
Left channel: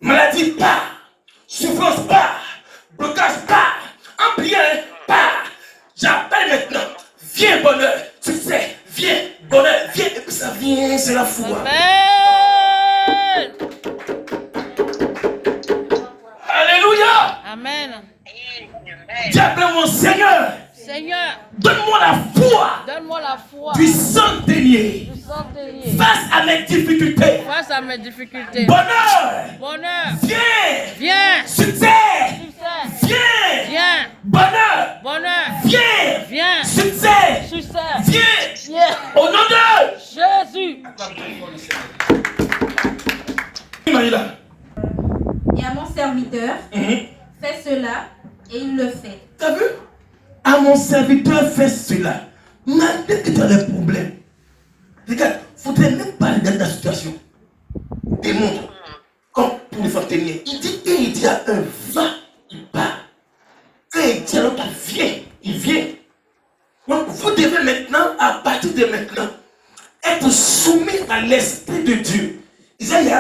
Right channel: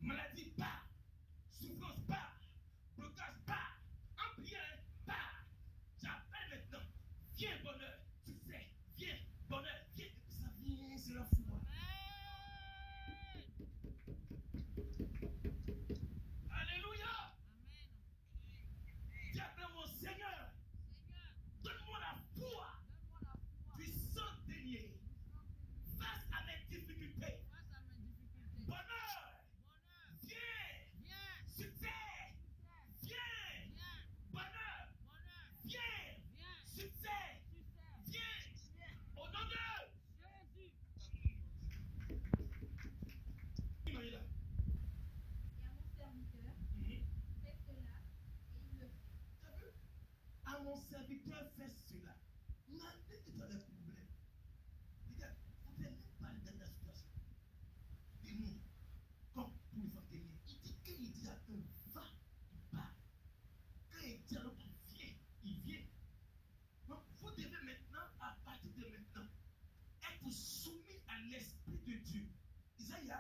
maladie part, souffrance part, blocage part, empire part. J'appelle maintenant, viens bonheur, succès, viens bonheur, viens, et puis ça vient, c'est la foi. Amen. Alléluia. Amen. Dis appelle mon Seigneur, Seigneur, donne-moi la foi donne-moi la foi du centenier du centenier face à mes difficultés. face à mes difficultés. Bonheur, Bonheur, viens, viens. succès, Succès, viens, viens. bonheur, Bonheur, viens, viens. succès, Succès, viens, viens. au nom de Jésus. Marie-là. Et à mon serviteur, fais cela et il le fait. T'as vu? À mon serviteur, fais cela. Malgré que tu as des problèmes. Regarde, il ne faudrait même pas aller dans ta situation. Démontre. Comme pour les centeniers. Il dit, et il dit à un, va, il part. Et il dit à l'autre, viens, il vient. Donc vous devez maintenant, à partir de maintenant, être soumis à l'Esprit de Dieu. Isaïe,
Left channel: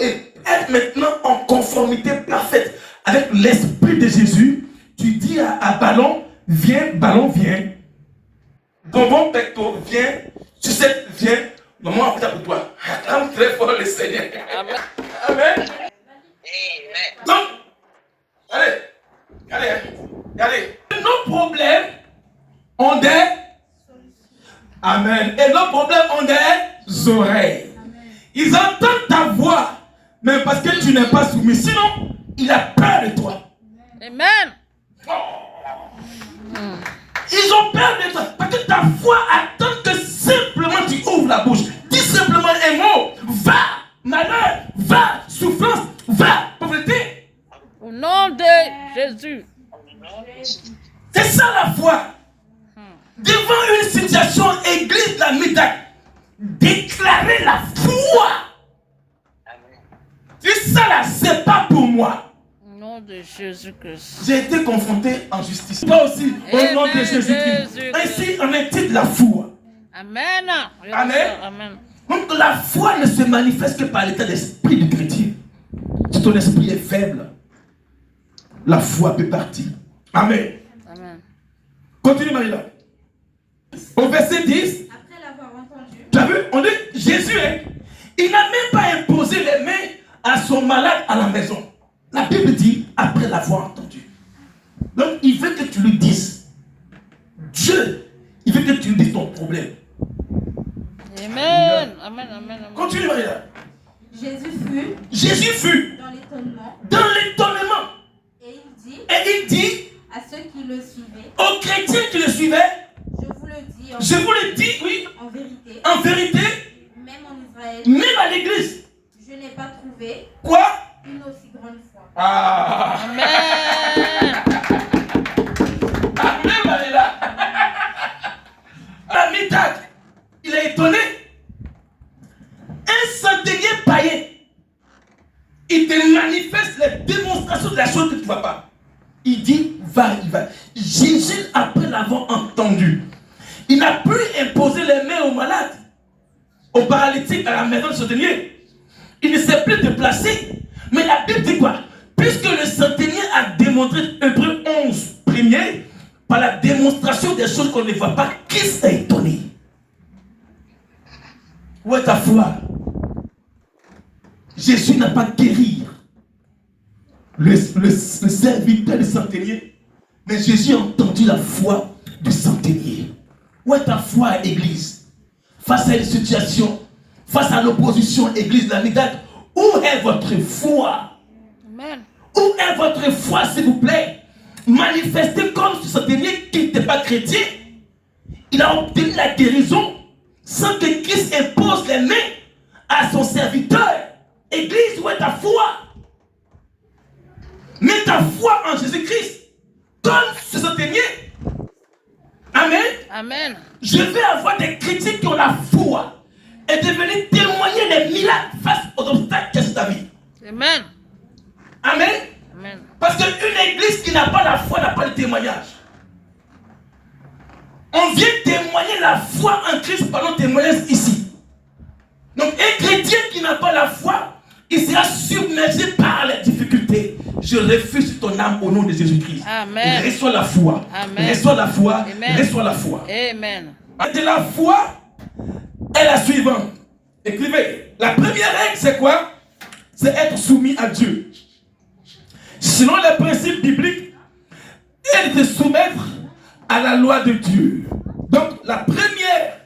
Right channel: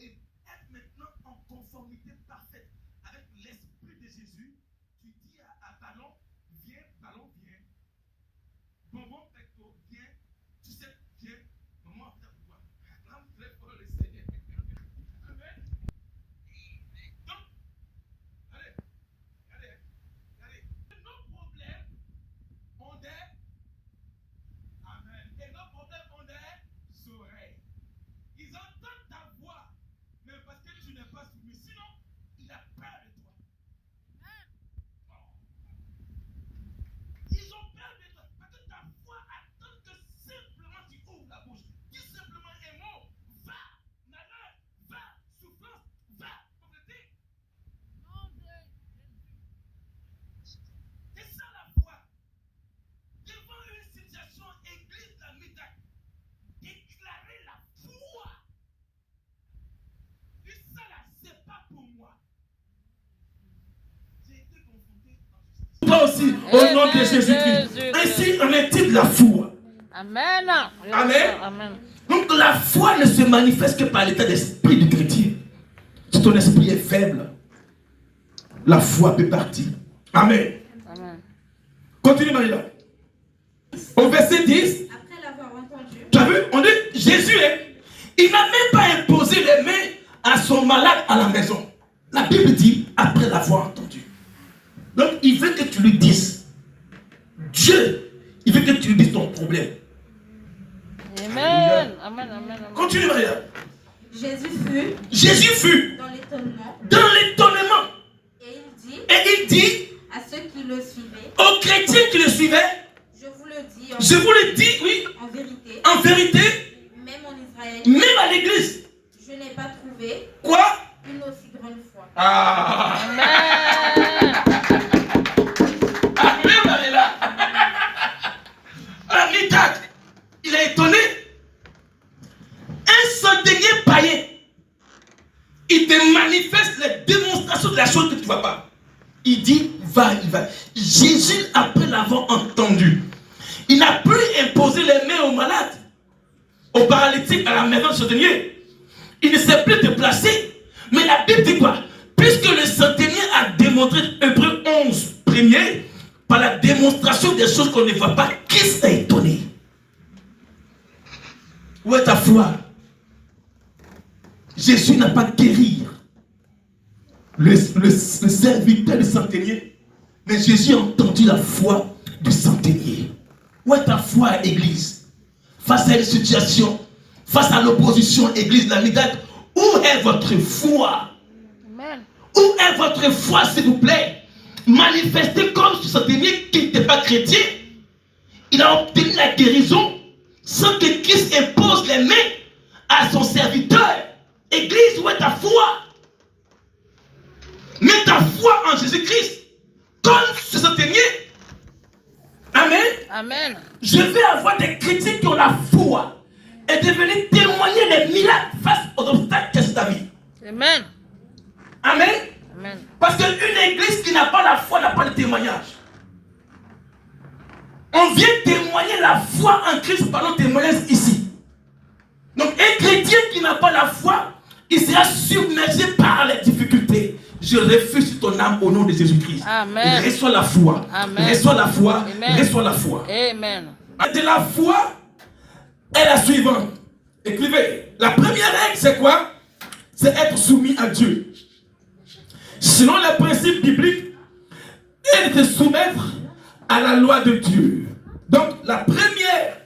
et être maintenant en conformité parfaite avec l'Esprit de Jésus. Tu dis à Ballon, viens, Ballon, viens. Bonbon pecto, viens. Sucette, viens. Maman, après pour toi. Acclame très fort le Seigneur. Amen. Amen. Donc, allez. Nos problèmes ont des... Amen. Amen. Et leurs problèmes ont des oreilles. Ils entendent ta voix, mais parce que tu n'es pas soumis. Sinon, il a peur de toi. Amen. Ils ont peur de toi. Parce que ta voix attend que simplement tu ouvres la bouche. Dis simplement un mot. Va, malheur. Va, souffrance. Va, pauvreté. Au nom de Jésus. C'est ça la foi. Devant une situation, église de la Médac, déclarer la foi. C'est ça là, c'est pas pour moi. Au nom de Jésus-Christ. J'ai été confronté en justice. Toi aussi, au Amen, nom de Jésus-Christ. Jésus-Christ. Ainsi, en est-il la foi. Amen. Amen. Amen. Donc la foi ne se manifeste que par l'état d'esprit du chrétien. Si ton esprit est faible, la foi peut partir. Amen. Amen. Continue Marie-là. Au verset 10, Après l'avoir entendu, tu as vu, on dit Jésus, il n'a même pas imposé les mains à son malade à la maison. La Bible dit après l'avoir entendu. Donc il veut que tu lui dises. Dieu, il veut que tu lui dises ton problème. Amen. Amen. Amen. Continue Maria. Jésus fut Dans l'étonnement. et Et il dit à ceux qui le suivaient, aux chrétiens qui le suivaient, je vous le dis je vous le dis, oui, en vérité, en vérité, même en Israël, même à l'église. je n'ai pas trouvé Quoi? une aussi grande foi. Ah. Amen. Amen, Marie-là. La Midak, il est étonné. Un centenier païen, il te manifeste les démonstrations de la chose que tu ne vois pas. Il dit, va, il va. Jésus, après l'avoir entendu, il n'a plus imposé les mains aux malades, aux paralytiques à la maison du centenier. Il ne s'est plus déplacé. Mais la Bible dit quoi? Puisque le centenier a démontré, Hébreux 11, premier, par la démonstration des choses qu'on ne voit pas, qui s'est étonné? Où est ta foi? Jésus n'a pas guéri le serviteur du centenier, mais Jésus a entendu la foi du centenier. Où est ta foi, Église? Face à une situation, face à l'opposition, Église de la Médac, où est votre foi? Amen. Où est votre foi, s'il vous plaît? Manifestez comme ce centenier qui n'était pas chrétien. Il a obtenu la guérison sans que Christ impose les mains à son serviteur. Église, où est ta foi? Mets ta foi en Jésus-Christ. Comme ce centenier. Amen. Amen. Je veux avoir des chrétiens qui ont la foi et de venir témoigner les miracles face aux obstacles que c'est ta vie. Amen. Amen. Amen. Parce qu'une église qui n'a pas la foi n'a pas de témoignage. On vient témoigner la foi en Christ par nos témoignages ici. Donc un chrétien qui n'a pas la foi, il sera submergé par les difficultés. Je refuse ton âme au nom de Jésus-Christ. Amen. Reçois la foi. Amen. Reçois la foi. Amen. Reçois la foi. Amen. De la foi est la suivante. Écrivez. La première règle, c'est quoi? C'est être soumis à Dieu. Selon les principes bibliques, et de se soumettre à la loi de Dieu. Donc, la première,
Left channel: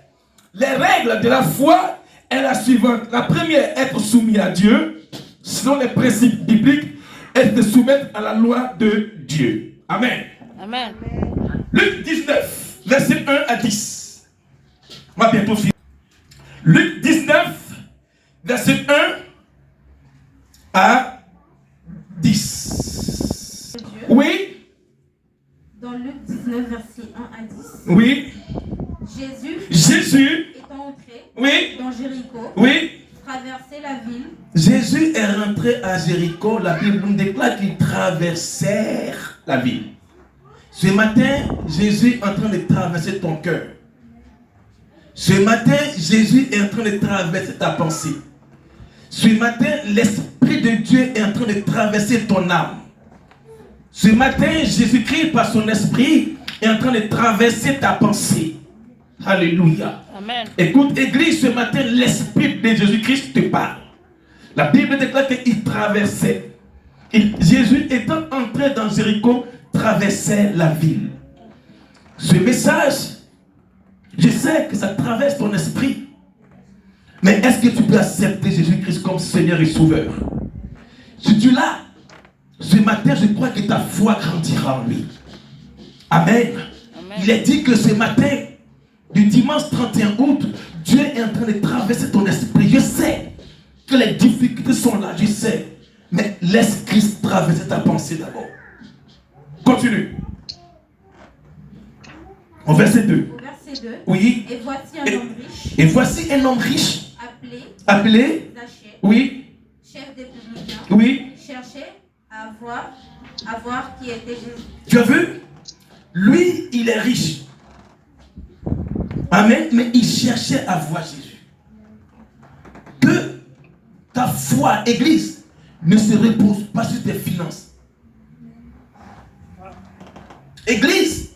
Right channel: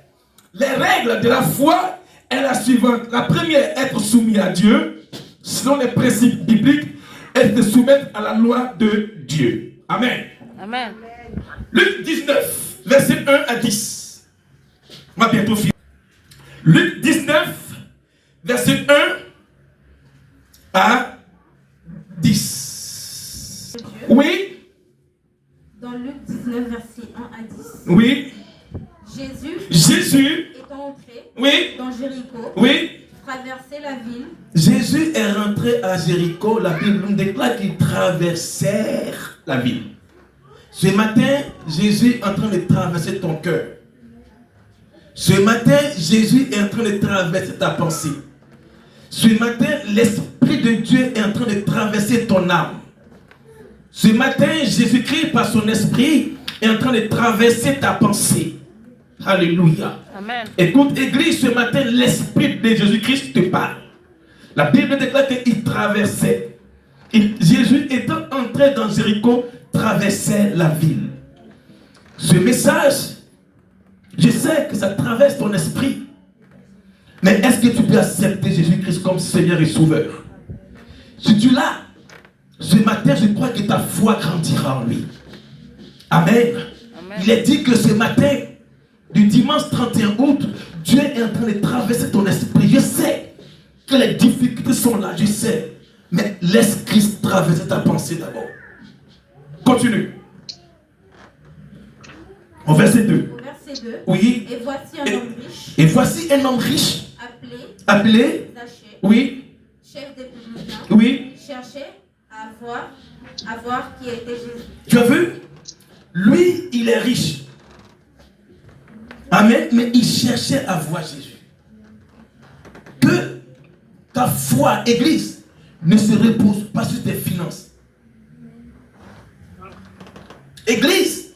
les règles de la foi est la suivante. La première, être soumis à Dieu, selon les principes bibliques, et de se soumettre à la loi de Dieu. Amen. Amen. Luc 19, verset 1 à 10. On va bientôt finir. Luc 19, verset 1 à 10. Oui. Dans Luc 19, verset 1 à 10. Oui. Jésus étant entré oui. dans Jéricho, Oui. traversait la ville. Jésus est rentré à Jéricho. La Bible nous déclare qu'ils traversèrent la ville. Ce matin, Jésus est en train de traverser ton cœur. Ce matin, Jésus est en train de traverser ta pensée. Ce matin, l'Esprit de Dieu est en train de traverser ton âme. Ce matin, Jésus-Christ, par son esprit, est en train de traverser ta pensée. Alléluia. Amen. Écoute, Église, ce matin, l'Esprit de Jésus-Christ te parle. La Bible déclare qu'il traversait. Et Jésus, étant entré dans Jéricho, traversait la ville. Ce message Je sais que ça traverse ton esprit. Mais est-ce que tu peux accepter Jésus-Christ comme Seigneur et Sauveur? Si tu l'as, ce matin, je crois que ta foi grandira en lui. Amen. Amen. Il est dit que ce matin, du dimanche 31 août, Dieu est en train de traverser ton esprit. Je sais que les difficultés sont là, je sais. Mais laisse Christ traverser ta pensée d'abord. Continue. Au verset 2. Au verset 2. Oui. Et voici un homme riche, Et voici un homme riche, appelé, Zachée, oui, chef des publicains, oui. cherchait à voir qui était Jésus. Tu as vu? Lui, il est riche. Amen. Mais il cherchait à voir Jésus. Que ta foi, Église, ne se repose pas sur tes finances. Église,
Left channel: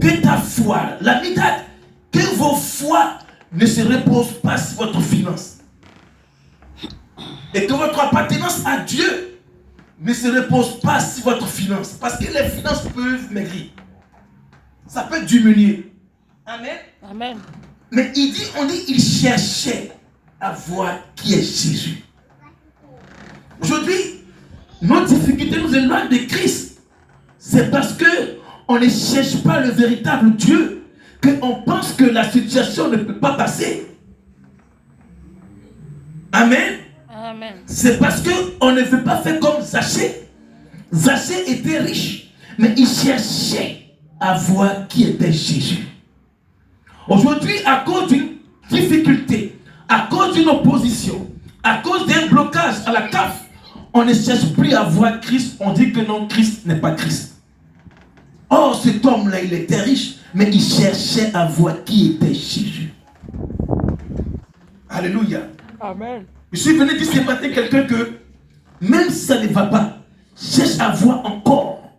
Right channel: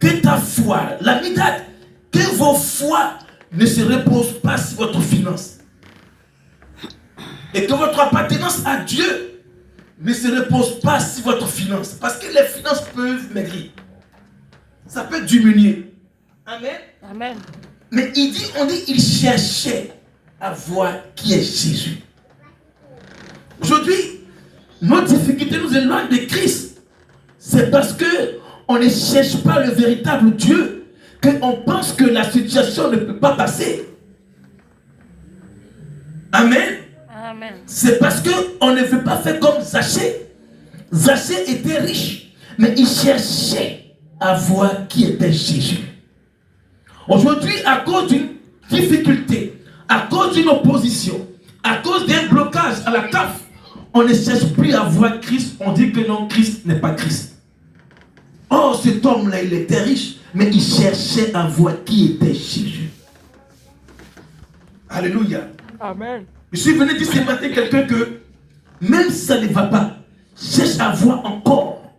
que ta foi, la mitad, que vos foi ne se reposent pas sur votre finance. Et que votre appartenance à Dieu ne se repose pas sur votre finance. Parce que les finances peuvent maigrir. Ça peut diminuer. Amen. Amen. Mais on dit, il cherchait à voir qui est Jésus. Aujourd'hui, nos difficultés nous éloignent de Christ. C'est parce que on ne cherche pas le véritable Dieu qu'on pense que la situation ne peut pas passer. Amen. Amen. C'est parce qu'on ne veut pas faire comme Zachée. Zachée était riche, mais il cherchait à voir qui était Jésus. Aujourd'hui, à cause d'une difficulté, à cause d'une opposition, à cause d'un blocage à la CAF, on ne cherche plus à voir Christ. On dit que non, Christ n'est pas Christ. Or, cet homme-là, il était riche, mais il cherchait à voir qui était Jésus. Alléluia. Amen. Je suis venu dire ce matin quelqu'un que même si ça ne va pas, cherche à voir encore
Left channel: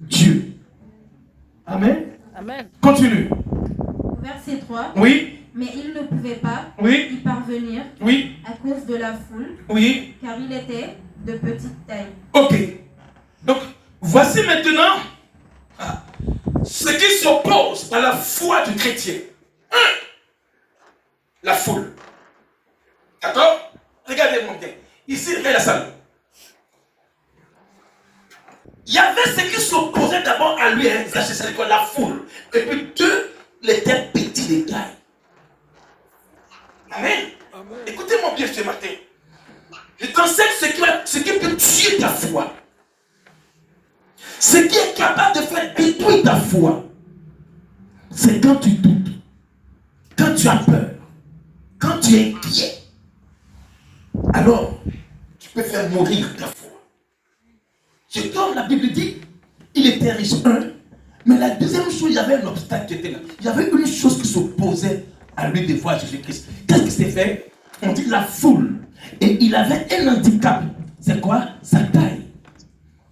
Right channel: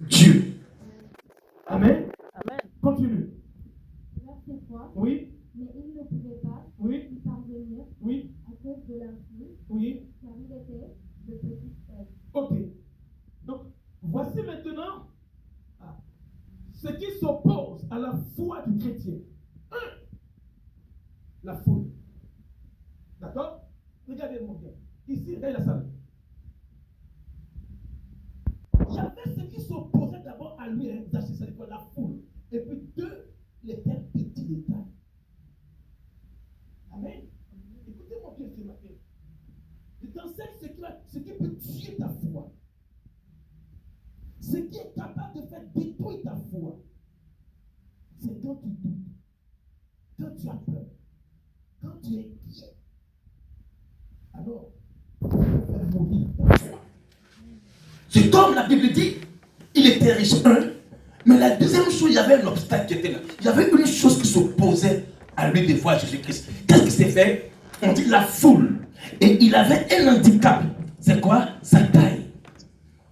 Dieu. Amen. Amen. Continue. Verset 3. Oui. Mais il ne pouvait pas Oui. y parvenir Oui. à cause de la foule, Oui. car il était de petite taille. Ok. Donc, voici maintenant ce qui s'oppose à la foi du chrétien. La foule. D'accord? Regardez mon bien. Ici, regardez la salle. Il y avait ce qui s'opposait d'abord à lui, c'est quoi? La foule. Et puis deux, il était petit de taille. Amen. Écoutez-moi bien ce matin. Je t'enseigne ce qui peut tuer ta foi. Ce qui est capable de faire détruire ta foi. C'est quand tu doutes, quand tu as peur, quand tu es inquiet. Alors, tu peux faire mourir ta foi. C'est comme la Bible dit, il était riche, mais la deuxième chose, il y avait un obstacle qui était là. Il y avait une chose qui s'opposait à lui de voir Jésus-Christ. Qu'est-ce qui s'est fait? On dit la foule. Et il avait un handicap. C'est quoi? Sa taille.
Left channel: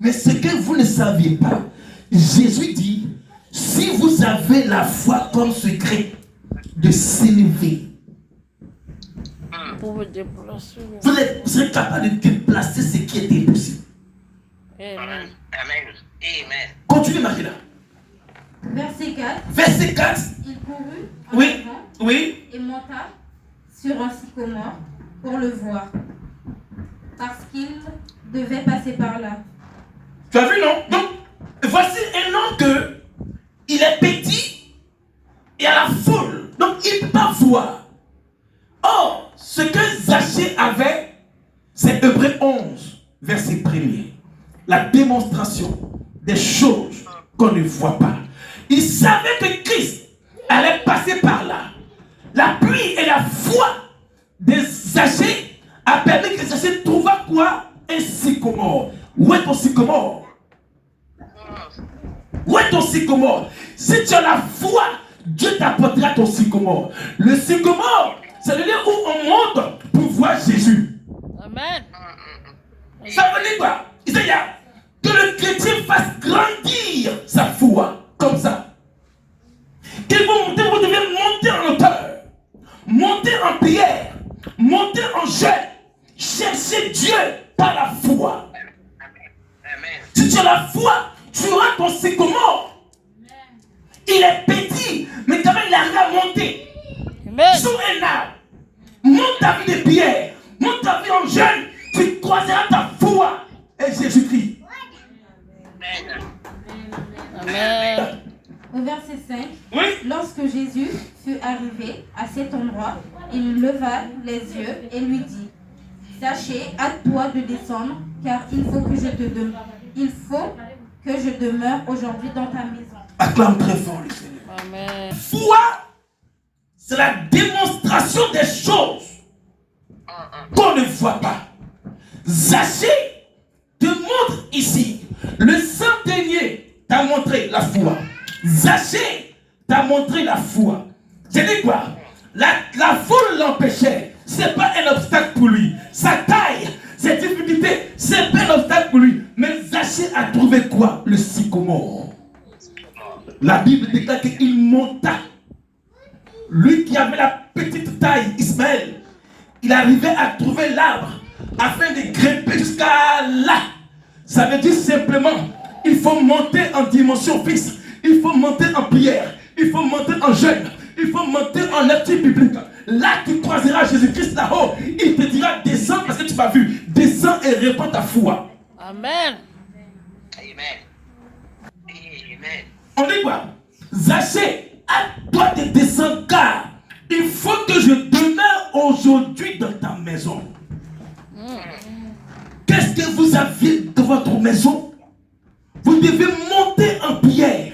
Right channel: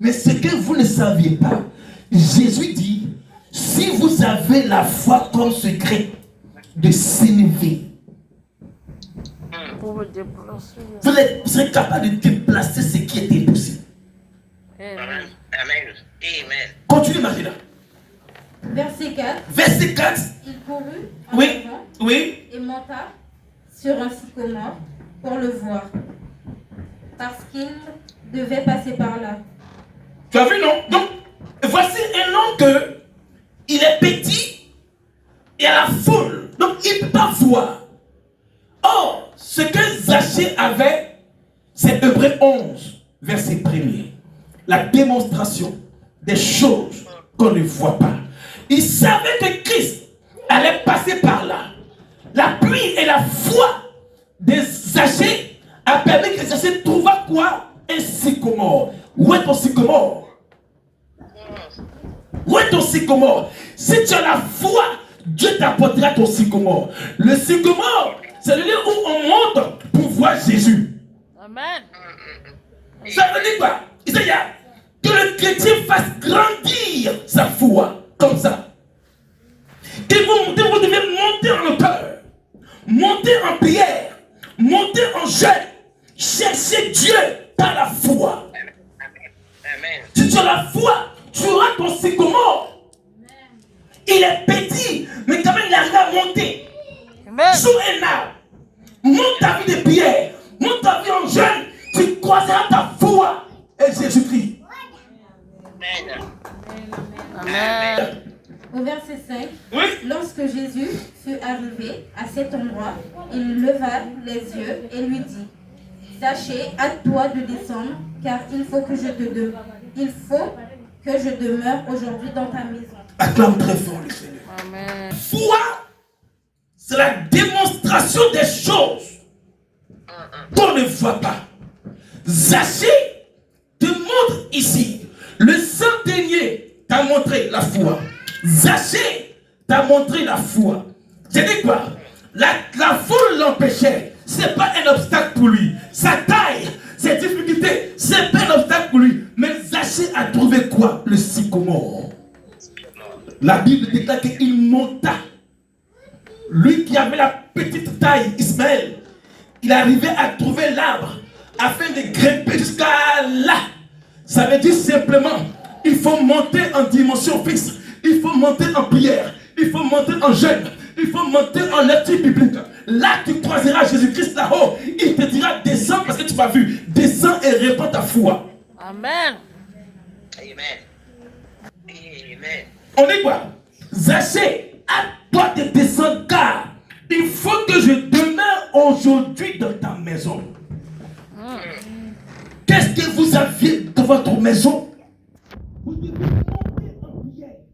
Mais ce que vous ne saviez pas, Jésus dit, si vous avez la foi comme secret de s'élever, Pour me déplacer. vous serez capable de déplacer ce qui était impossible. Amen. Amen. Amen. Continue, Marie-là. Verset 4. Verset 4. Il courut en Oui. avant Oui. et monta sur un sycomore pour le voir, parce qu'il devait passer par là. Tu as vu, non? Donc, voici un homme que il est petit et à la foule. Donc, il ne peut pas voir. Or, ce que Zachée avait, c'est Hébreux 11, verset 1er. La démonstration des choses qu'on ne voit pas. Il savait que Christ allait passer par là. La pluie et la foi de Zachée a permis que Zachée trouva quoi? Un sycomore. Où est ton sycomore? Où est ton sycomore? Si tu as la foi, Dieu t'apportera ton sycomore. Le sycomore, c'est le lieu où on monte pour voir Jésus. Amen. Ça veut dire quoi? Isaïe, que le chrétien fasse grandir sa foi, comme ça. Que vous devez monter en hauteur, monter en prière, monter en jeûne, chercher Dieu par la foi. Amen. Si tu as la foi, tu auras ton sycomore. Il Il est petit, mais quand même il arrive à monter. Amen. Sur un arbre. Monte ta vie de pierre. Monte ta vie en jeune. Tu croiseras ta foi. Et Jésus-Christ. Amen. Amen. Au verset 5, Oui. lorsque Jésus fut arrivé à cet endroit, il leva les yeux et lui dit, Zachée, hâte-toi de descendre, car il faut que je demeure aujourd'hui dans ta maison. Acclame très fort le Seigneur. Amen. Foi, c'est la démonstration des choses qu'on ne voit pas. Zachée te montre ici. Le centenier t'a montré la foi. Zachée t'a montré la foi. C'est dit quoi? La foule l'empêchait. C'est pas un obstacle pour lui. Sa taille, ses difficultés, c'est pas un obstacle pour lui. Mais Zachée a trouvé quoi? Le sycomore. La Bible déclare qu'il monta. Lui qui avait la petite taille, Ismaël, il arrivait à trouver l'arbre afin de grimper jusqu'à là. Ça veut dire simplement, il faut monter en dimension fixe. Il faut monter en prière. Il faut monter en jeûne. Il faut monter en lecture biblique. Là, tu croiseras Jésus-Christ là-haut. Il te dira, descends parce que tu m'as vu. Descends et répands ta foi. Amen. Amen. Amen. On dit quoi? Zachée, à toi de descendre car il faut que je demeure aujourd'hui dans ta maison. Qu'est-ce que vous avez dans votre maison? Vous devez monter en prière.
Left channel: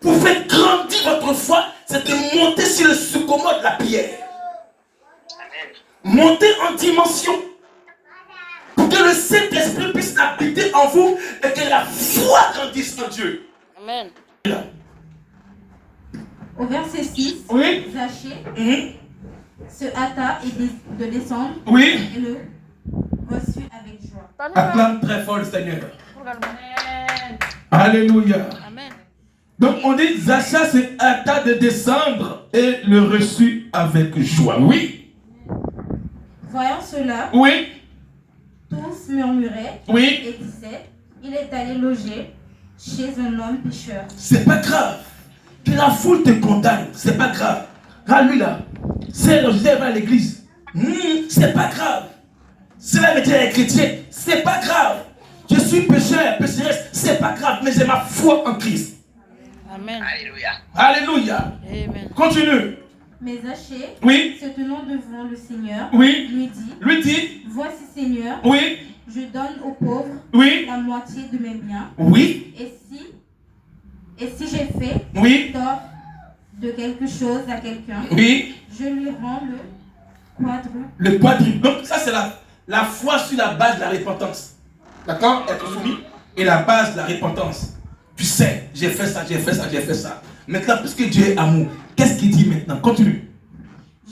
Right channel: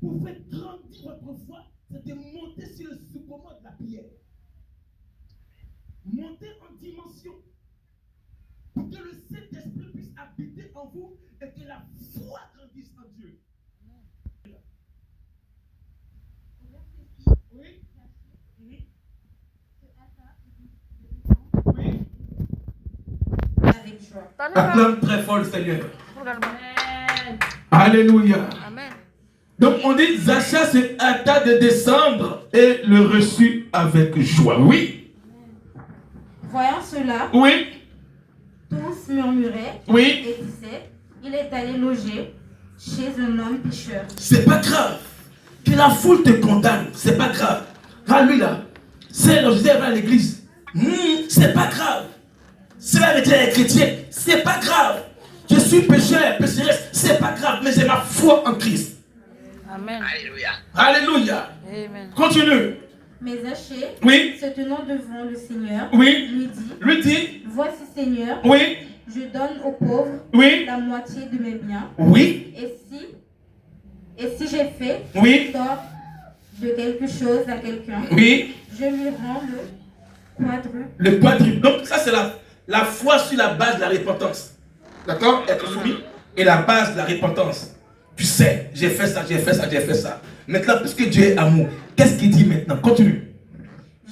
Pour faire grandir votre foi, c'est de monter sur le sycomore de la prière. Amen. Monter en dimension. Pour que le Saint-Esprit puisse habiter en vous et que la foi grandisse en Dieu. Amen. Au verset 6, Oui. Zachée se hâta de descendre Oui. et le reçut avec joie. Acclame très fort le Seigneur. Amen. Alléluia. Amen. Donc on dit Zachée se hâta de descendre et le reçut avec joie. Oui. Voyant cela, Oui. tous murmuraient Oui. et disaient, il est allé loger chez un homme pécheur. C'est pas grave. Que la foule te condamne. C'est pas grave. Regarde lui là. C'est le Joseph à l'église. C'est pas grave. C'est là avec les chrétiens. C'est pas grave. Je suis pécheur, pécheresse. C'est pas grave. Mais j'ai ma foi en Christ. Amen. Alléluia. Alléluia. Amen. Continue. Mais Zachée, Oui. se tenant devant le Seigneur, Oui. lui dit, Lui dit. voici Seigneur, Oui. je donne aux pauvres Oui. la moitié de mes biens. Oui. Et si j'ai fait Oui. tort de quelque chose à quelqu'un, Oui. je lui rends le quadruple. Le quadruple. Donc ça c'est la foi sur la base de la repentance. D'accord? Être soumis. Et la base de la repentance. Tu sais, j'ai fait ça, j'ai fait ça, j'ai fait ça. Maintenant, puisque Dieu est amour, qu'est-ce qu'il dit maintenant? Continue.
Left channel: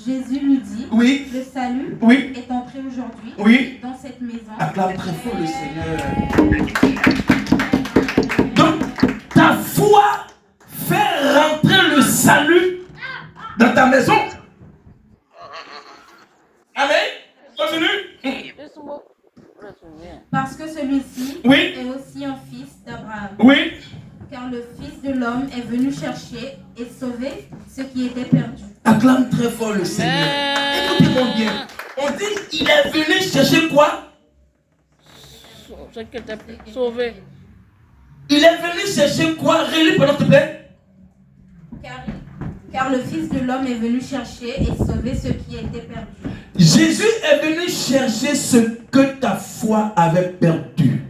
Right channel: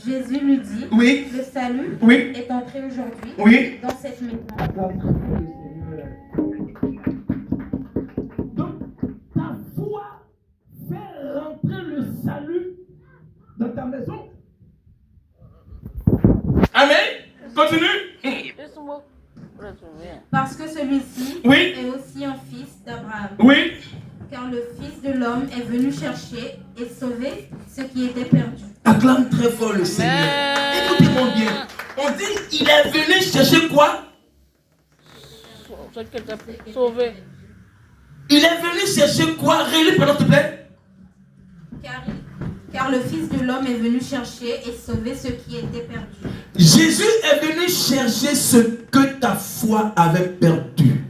Jésus lui dit, Oui. le salut Oui. est entré aujourd'hui Oui. dans cette maison. Acclame très fort le Seigneur. Donc, ta foi fait rentrer le salut dans ta maison. Amen. Continue. Laisse-moi. Laisse-moi. Parce que celui-ci Oui. est aussi un fils d'Abraham. Oui. Car le Fils de l'homme est venu chercher et sauver ce qui était perdu. Acclame très fort le Seigneur. Amen. Écoutez-moi bien. On dit il est venu chercher quoi? Ce qui était sauvé. Il est venu chercher quoi? Relis pendant s'il te plaît. Car le Fils de l'homme est venu chercher et sauver ce qui était perdu. Jésus est venu chercher ce que ta foi avait perdu.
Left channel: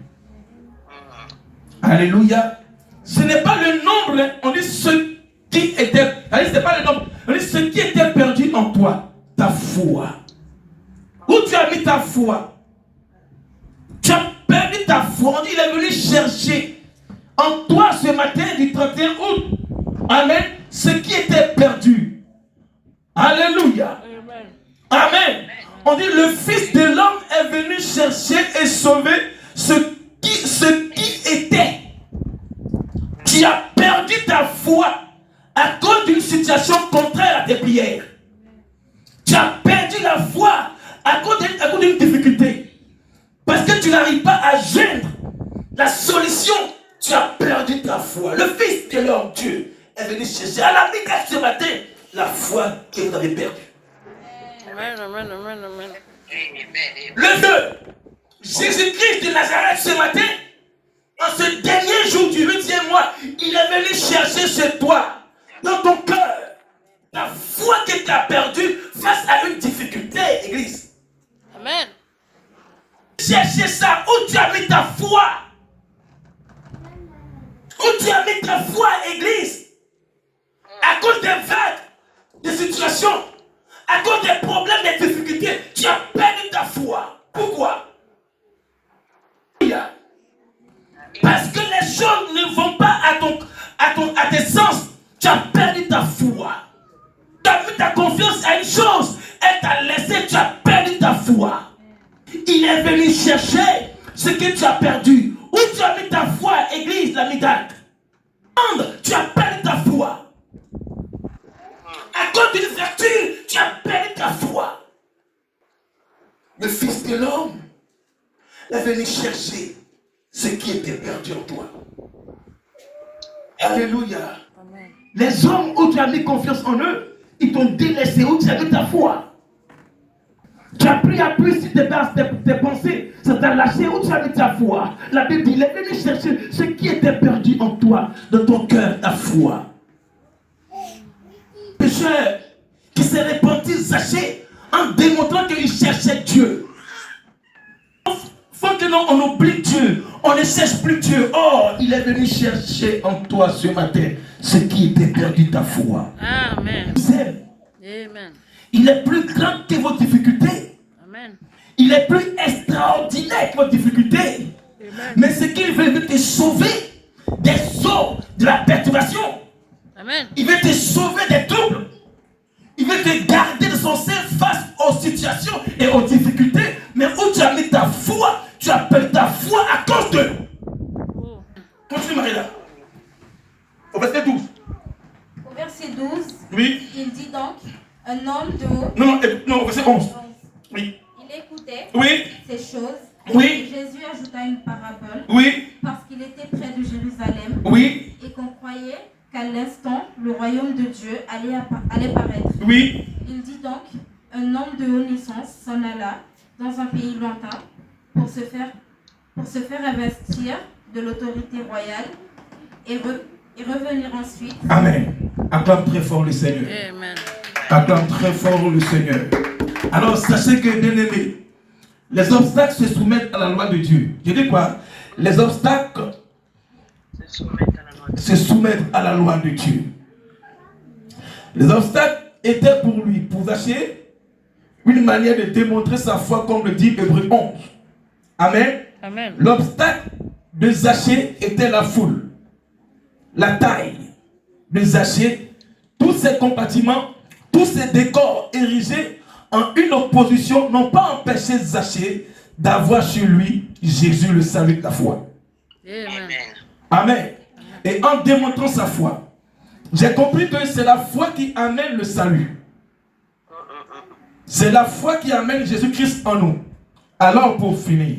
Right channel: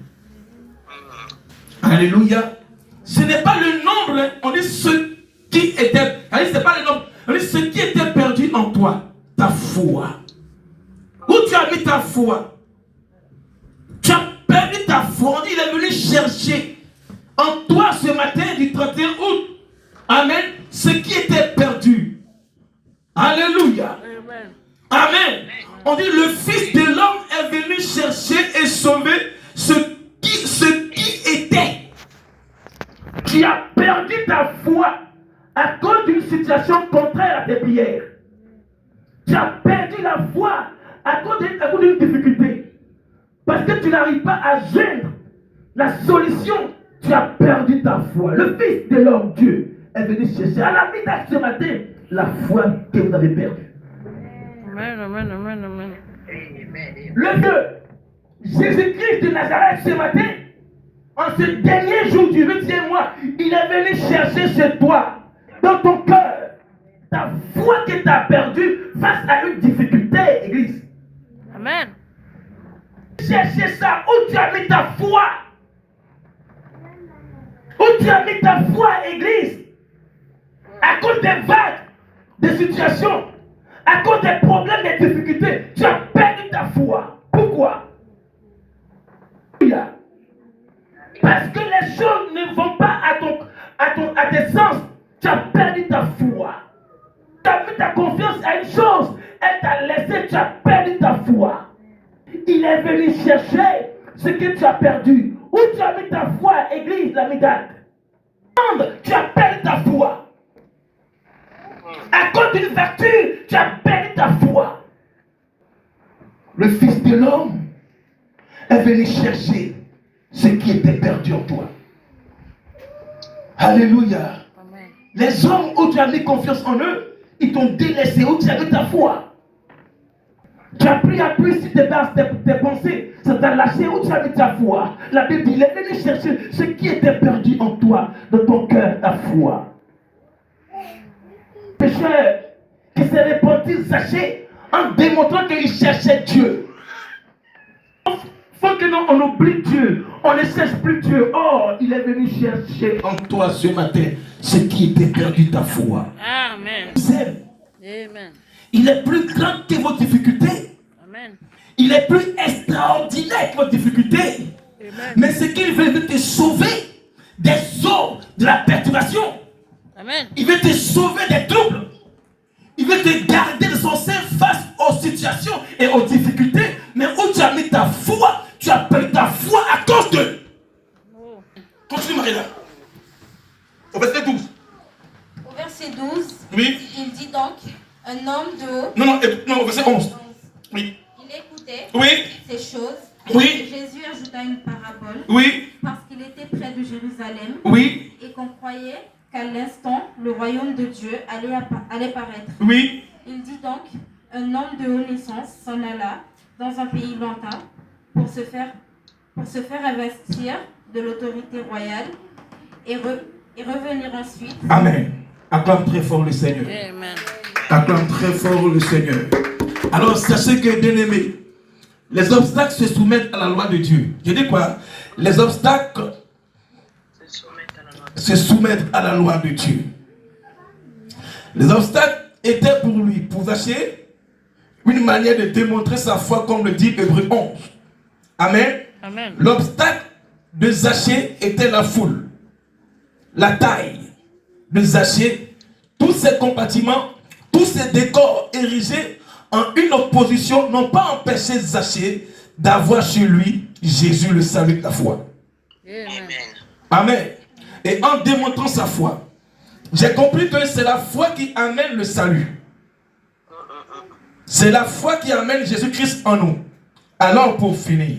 Alléluia. Ce n'est pas le nombre, on dit ce qui était. C'est pas le nombre. On dit ce qui était perdu en toi, ta foi. Où tu as mis ta foi? Tu as perdu ta foi. On dit il est venu chercher en toi ce matin du 31 août. Amen. Ce qui était perdu. Alléluia. Amen. Amen. On dit le Fils de l'homme est venu chercher et sauver ce qui était. Tu as perdu ta foi à cause d'une situation contraire à tes prières. Tu as perdu la foi à cause d'une difficulté. Parce que tu n'arrives pas à joindre la solution tu as perdu ta foi. Le Fils de l'homme, Dieu, est venu chercher à la middag ce matin la foi que vous avez perdue. Amen, amen, amen, amen. Amen. Amen. Le Dieu, Jésus-Christ de Nazareth ce matin, en ce dernier jour du 8e mois, il est venu chercher chez toi, dans ton cœur, ta foi que tu as perdue face à une difficulté, Église. Amen. Chercher ça, où tu as mis ta foi. Où tu as mis ta foi, Église. À cause des vagues, des situations, à cause des problèmes, des difficultés, tu as perdu ta foi. Pourquoi? Parce que les choses ne vont pas à tes sens. Tu as perdu ta foi. Tu as mis ta confiance à une chose. Elle t'a laissé, tu as perdu ta foi. Il est venu chercher ce que tu as perdu. Où tu as mis ta foi, Église, la middag. Tu as perdu ta foi. À cause d'une vertu, tu as perdu ta foi. Le Fils de l'homme est venu chercher ce qui était perdu en toi. Alléluia. Amen. Les hommes où tu as mis confiance en eux, ils t'ont délaissé, où tu as mis ta foi. Tu as pris appui sur tes pensées, ça t'a lâché, où tu as mis ta foi. La Bible dit, il est venu chercher ce qui était perdu en toi, dans ton cœur, ta foi. Pécheur qui s'est repenti, Zachée, en démontrant qu'il cherchait Dieu. Faut que non, on oublie Dieu, on ne cherche plus Dieu. Oh, il est venu chercher en toi ce matin ce qui était perdu, ta foi. Amen. Amen. Il est plus grand que vos difficultés. Amen. Il est plus extraordinaire que vos difficultés. Amen. Mais ce qu'il veut te sauver des eaux de la perturbation. Amen. Il veut te sauver des troubles. Il veut te garder de son sein face aux situations et aux difficultés. Mais où tu as mis ta foi, tu as perdu ta foi à cause d'eux. Oh. Continue, Marie-là. Au verset 12. Au verset 12, Oui. il dit donc, un homme de haut. Non, au verset 11. Oui. Il écoutait Oui. ces choses. Oui. Et Jésus ajouta une parabole. Oui. Parce qu'il était près de Jérusalem. Oui. Et qu'on croyait qu'à l'instant, le royaume de Dieu allait paraître. Oui. Il dit donc, un homme de haute naissance s'en alla dans un pays lointain pour se faire investir de l'autorité royale et revenir ensuite. Amen. Acclame très fort le Seigneur. Amen. Acclame très fort le Seigneur. Alors sachez que, bien-aimés, les obstacles se soumettent à la loi de Dieu. Je dis quoi? Les obstacles se soumettent à la loi de Dieu. Les obstacles étaient pour lui, pour Zachée, une manière de démontrer sa foi, comme le dit Hébreux 11. Amen. Amen. L'obstacle de Zachée était la foule, la taille de Zachée, tous ces compartiments, tous ces décors érigés en une opposition n'ont pas empêché Zachée d'avoir chez lui Jésus, le salut de la foi. Amen. Amen. Et en démontrant sa foi, j'ai compris que c'est la foi qui amène le salut. C'est la foi qui amène Jésus-Christ en nous. Alors pour finir,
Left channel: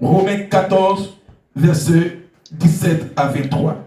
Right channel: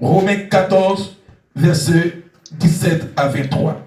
Romains 14, versets 17 à 23.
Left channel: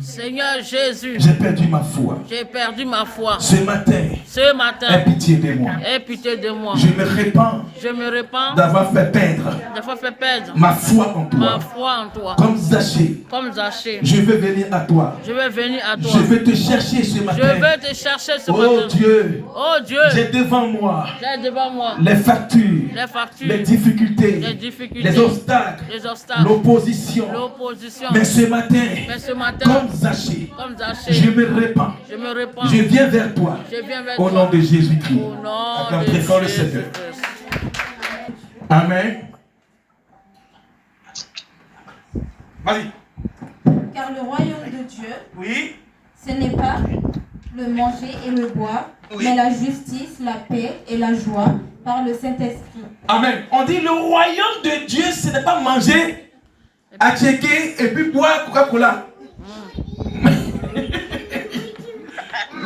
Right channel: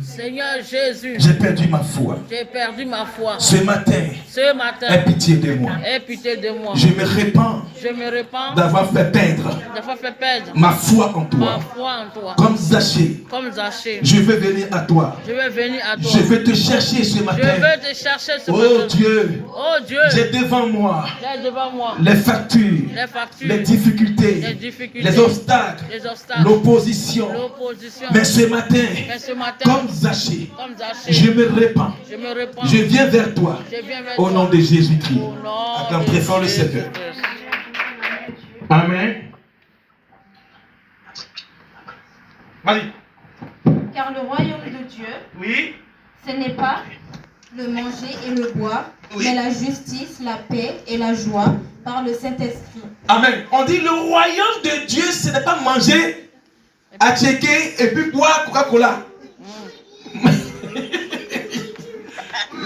Seigneur Jésus, J'ai perdu ma foi. j'ai perdu ma foi. Ce matin, Ce matin, aie pitié de moi. aie pitié de moi. Je me répands Je me répands d'avoir fait perdre d'avoir fait perdre ma foi en ma toi. foi en toi. Comme Zachée, Comme Zachée, je veux venir à toi. je vais venir à toi. Je veux te chercher ce Je matin. vais te chercher ce Oh matin. Dieu, Oh Dieu, j'ai devant moi j'ai devant moi les factures, les factures, les difficultés, les difficultés, les obstacles, les obstacles, l'opposition. l'opposition. Mais ce matin, Mais ce matin, comme Zachée, comme Zachée, je me répands. je me répands. Je viens vers toi. Je viens vers Au toi. nom de Jésus-Christ. Au nom Acclame de très fort le Jésus Seigneur. Christ. Amen. Vas-y. Car le royaume de Dieu, Oui. ce n'est pas le manger et le boire, Oui. mais la justice, la paix et la joie par le Saint-Esprit. Amen. On dit le royaume de Dieu, ce n'est pas manger, à checker et puis boire Coca-Cola.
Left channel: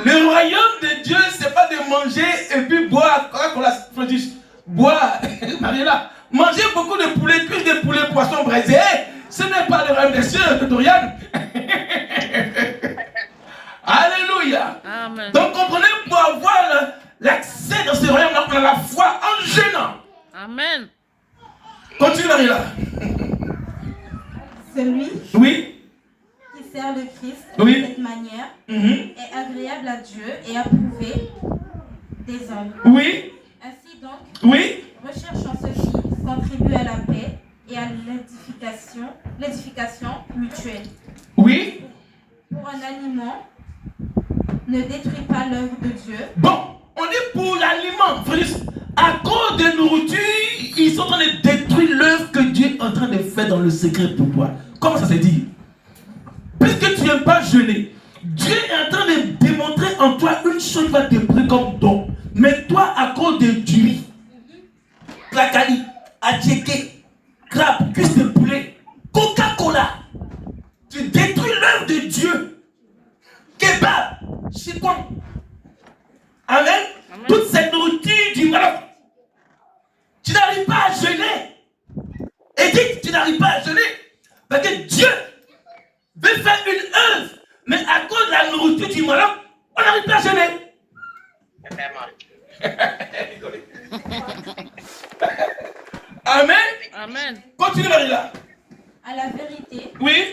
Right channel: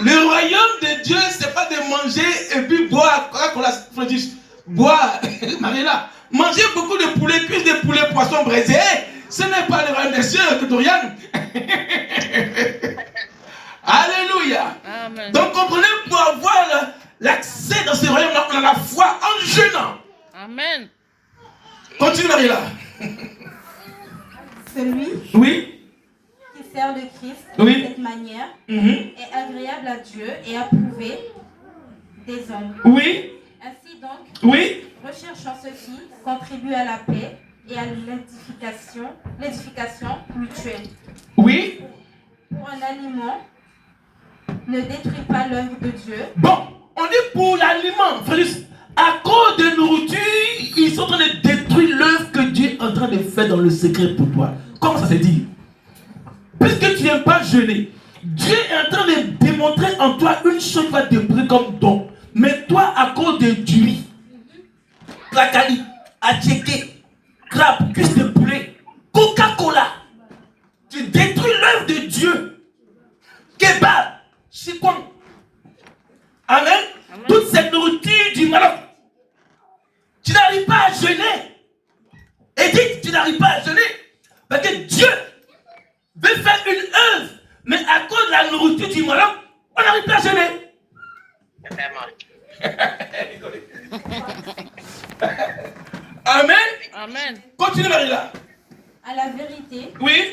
Le royaume de Dieu, c'est pas de manger et puis boire Coca-Cola. Boire, Marie-là, manger beaucoup de poulet, cuisse de poulet, poisson braisé, ce n'est pas le royaume des cieux que Dorian. Alléluia. Amen. Donc comprenez, pour avoir l'accès dans ces royaumes, on a la foi en jeûnant. Amen. Continue Marie-là. Celui Oui. qui sert le Christ Oui. de cette manière Mhm. est agréable à Dieu et approuvé des hommes. Oui. Ainsi donc, Oui. recherchant ceci, contribue à la paix et à l'édification mutuelle. Oui. Pour un aliment, ne détruis pas l'œuvre de Dieu. Bon, on est pour l'aliment. Frère, à cause de nourriture, ils sont en train de détruire l'œuvre que Dieu est en train de faire dans le secret pour toi. Comment ça se dit? Puisque tu n'aimes pas jeûner, Dieu est en train de démontrer en toi une chose qui va te brûler comme don. Mais toi, à cause de du riz, placali, attiéké, crabe, cuisse de poulet, Coca-Cola, tu détruis l'œuvre de Dieu. Kebab, chikwang. Amen. Amen. Toute cette nourriture du malheur. Tu n'arrives pas à jeûner. Et dis que tu n'arrives pas à jeûner. Parce que Dieu veut faire une œuvre. Mais à cause de la nourriture du malheur, on n'arrive pas à jeûner. Amen. Amen. Continue Marie-là. À la vérité, Oui.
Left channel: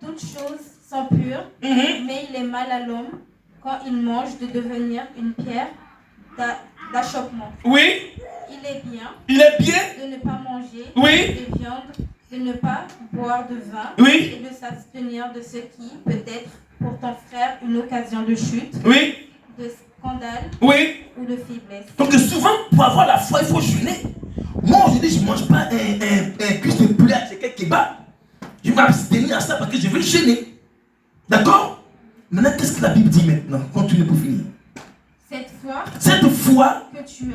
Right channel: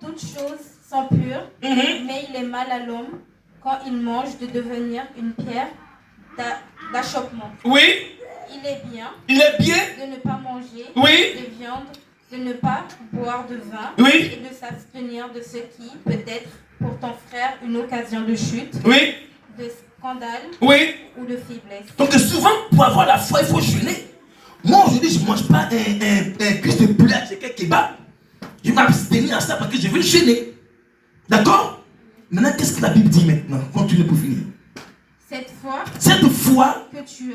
toutes choses sont pures, Mhm. mais il est mal à l'homme quand il mange de devenir une pierre d'achoppement. Oui. Il est bien Il est bien. de ne pas manger Oui. de viande, de ne pas boire de vin Oui. et de s'abstenir de ce qui peut être pour ton frère une occasion de chute, Oui. de scandale Oui. ou de faiblesse. Donc souvent, pour avoir la foi, il faut jeûner. Moi, aujourd'hui, je ne mange pas un cuisse de poulet avec un kebab. Je vais m'abstenir à ça parce que je veux jeûner. D'accord? Maintenant, qu'est-ce que la Bible dit maintenant? Continue pour finir. Cette foi Cette foi que tu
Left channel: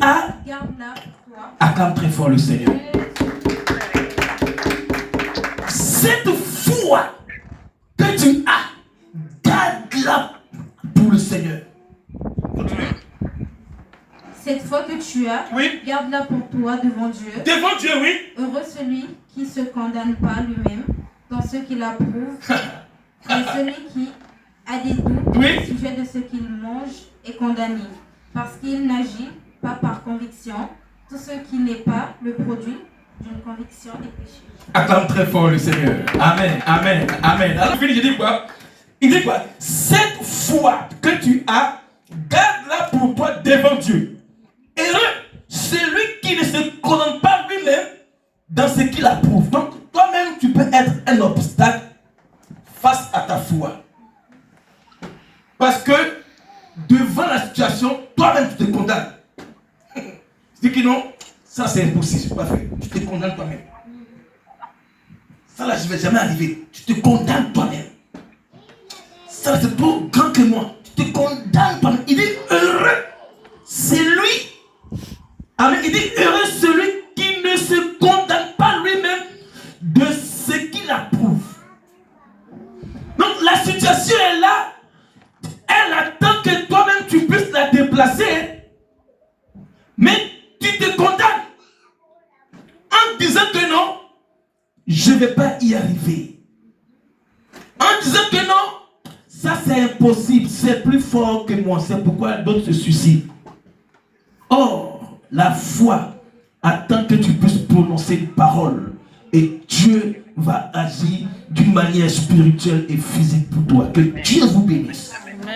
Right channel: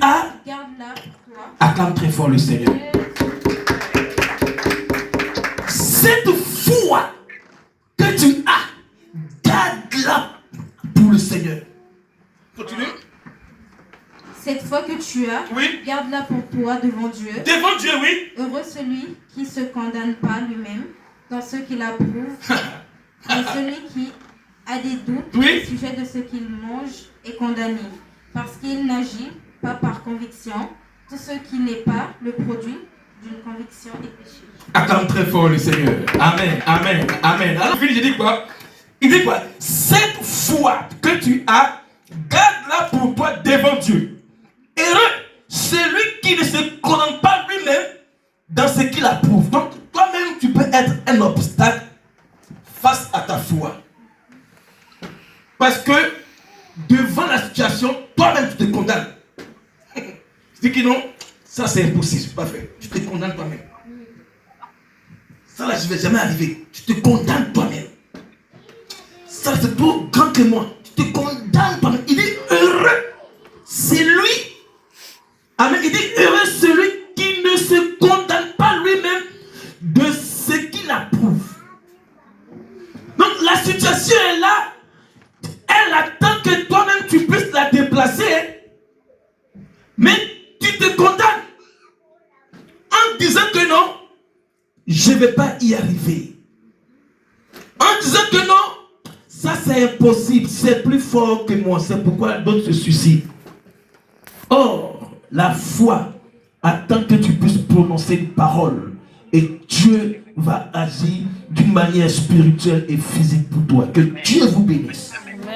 as, garde-la pour toi. acclame très fort le Seigneur. Cette foi que tu as, garde-la pour le Seigneur. Continue. Cette foi que tu as, Oui. garde-la pour toi devant Dieu. Devant Dieu, oui. Heureux celui qui ne se condamne pas lui-même dans ce qu'il approuve, mais celui qui a des doutes Oui. au sujet de ce qu'il mange est condamné, parce qu'il n'agit pas par conviction. Tout ce qui n'est pas le produit d'une conviction est péché. Acclame très fort le Seigneur. Amen, amen, amen. Alors, fini, je dis quoi? Il dit quoi? Cette foi que tu as, garde-la pour toi devant Dieu. Heureux celui qui ne se condamne pas lui-même dans ce qu'il approuve. Donc, toi-même, tu peux être un obstacle face à ta foi. Parce que devant la situation, toi-même, tu te condamnes. Tu dis que non, ça c'est impossible, c'est pas fait. Tu te condamnes toi-même. Ça là, je ne vais jamais arriver. Tu te condamnes toi-même. Ça c'est plus grand que moi. Tu te condamnes toi-même. Il dit heureux, c'est lui. Amen. Il dit heureux celui qui ne se condamne pas lui-même de ce qu'il approuve. Donc la situation est là. Elle attend que toi-même tu puisses la déplacer. Mais tu te condamnes en disant que non, je ne vais pas y arriver. En disant que non, ça c'est impossible, c'est plus fort que moi. C'est pourquoi d'autres se suicident. Or, la foi attend que tu puisses prononcer une parole. Et Dieu va agir d'une manière spirituelle et physique pour toi. Que Dieu vous bénisse. Amen.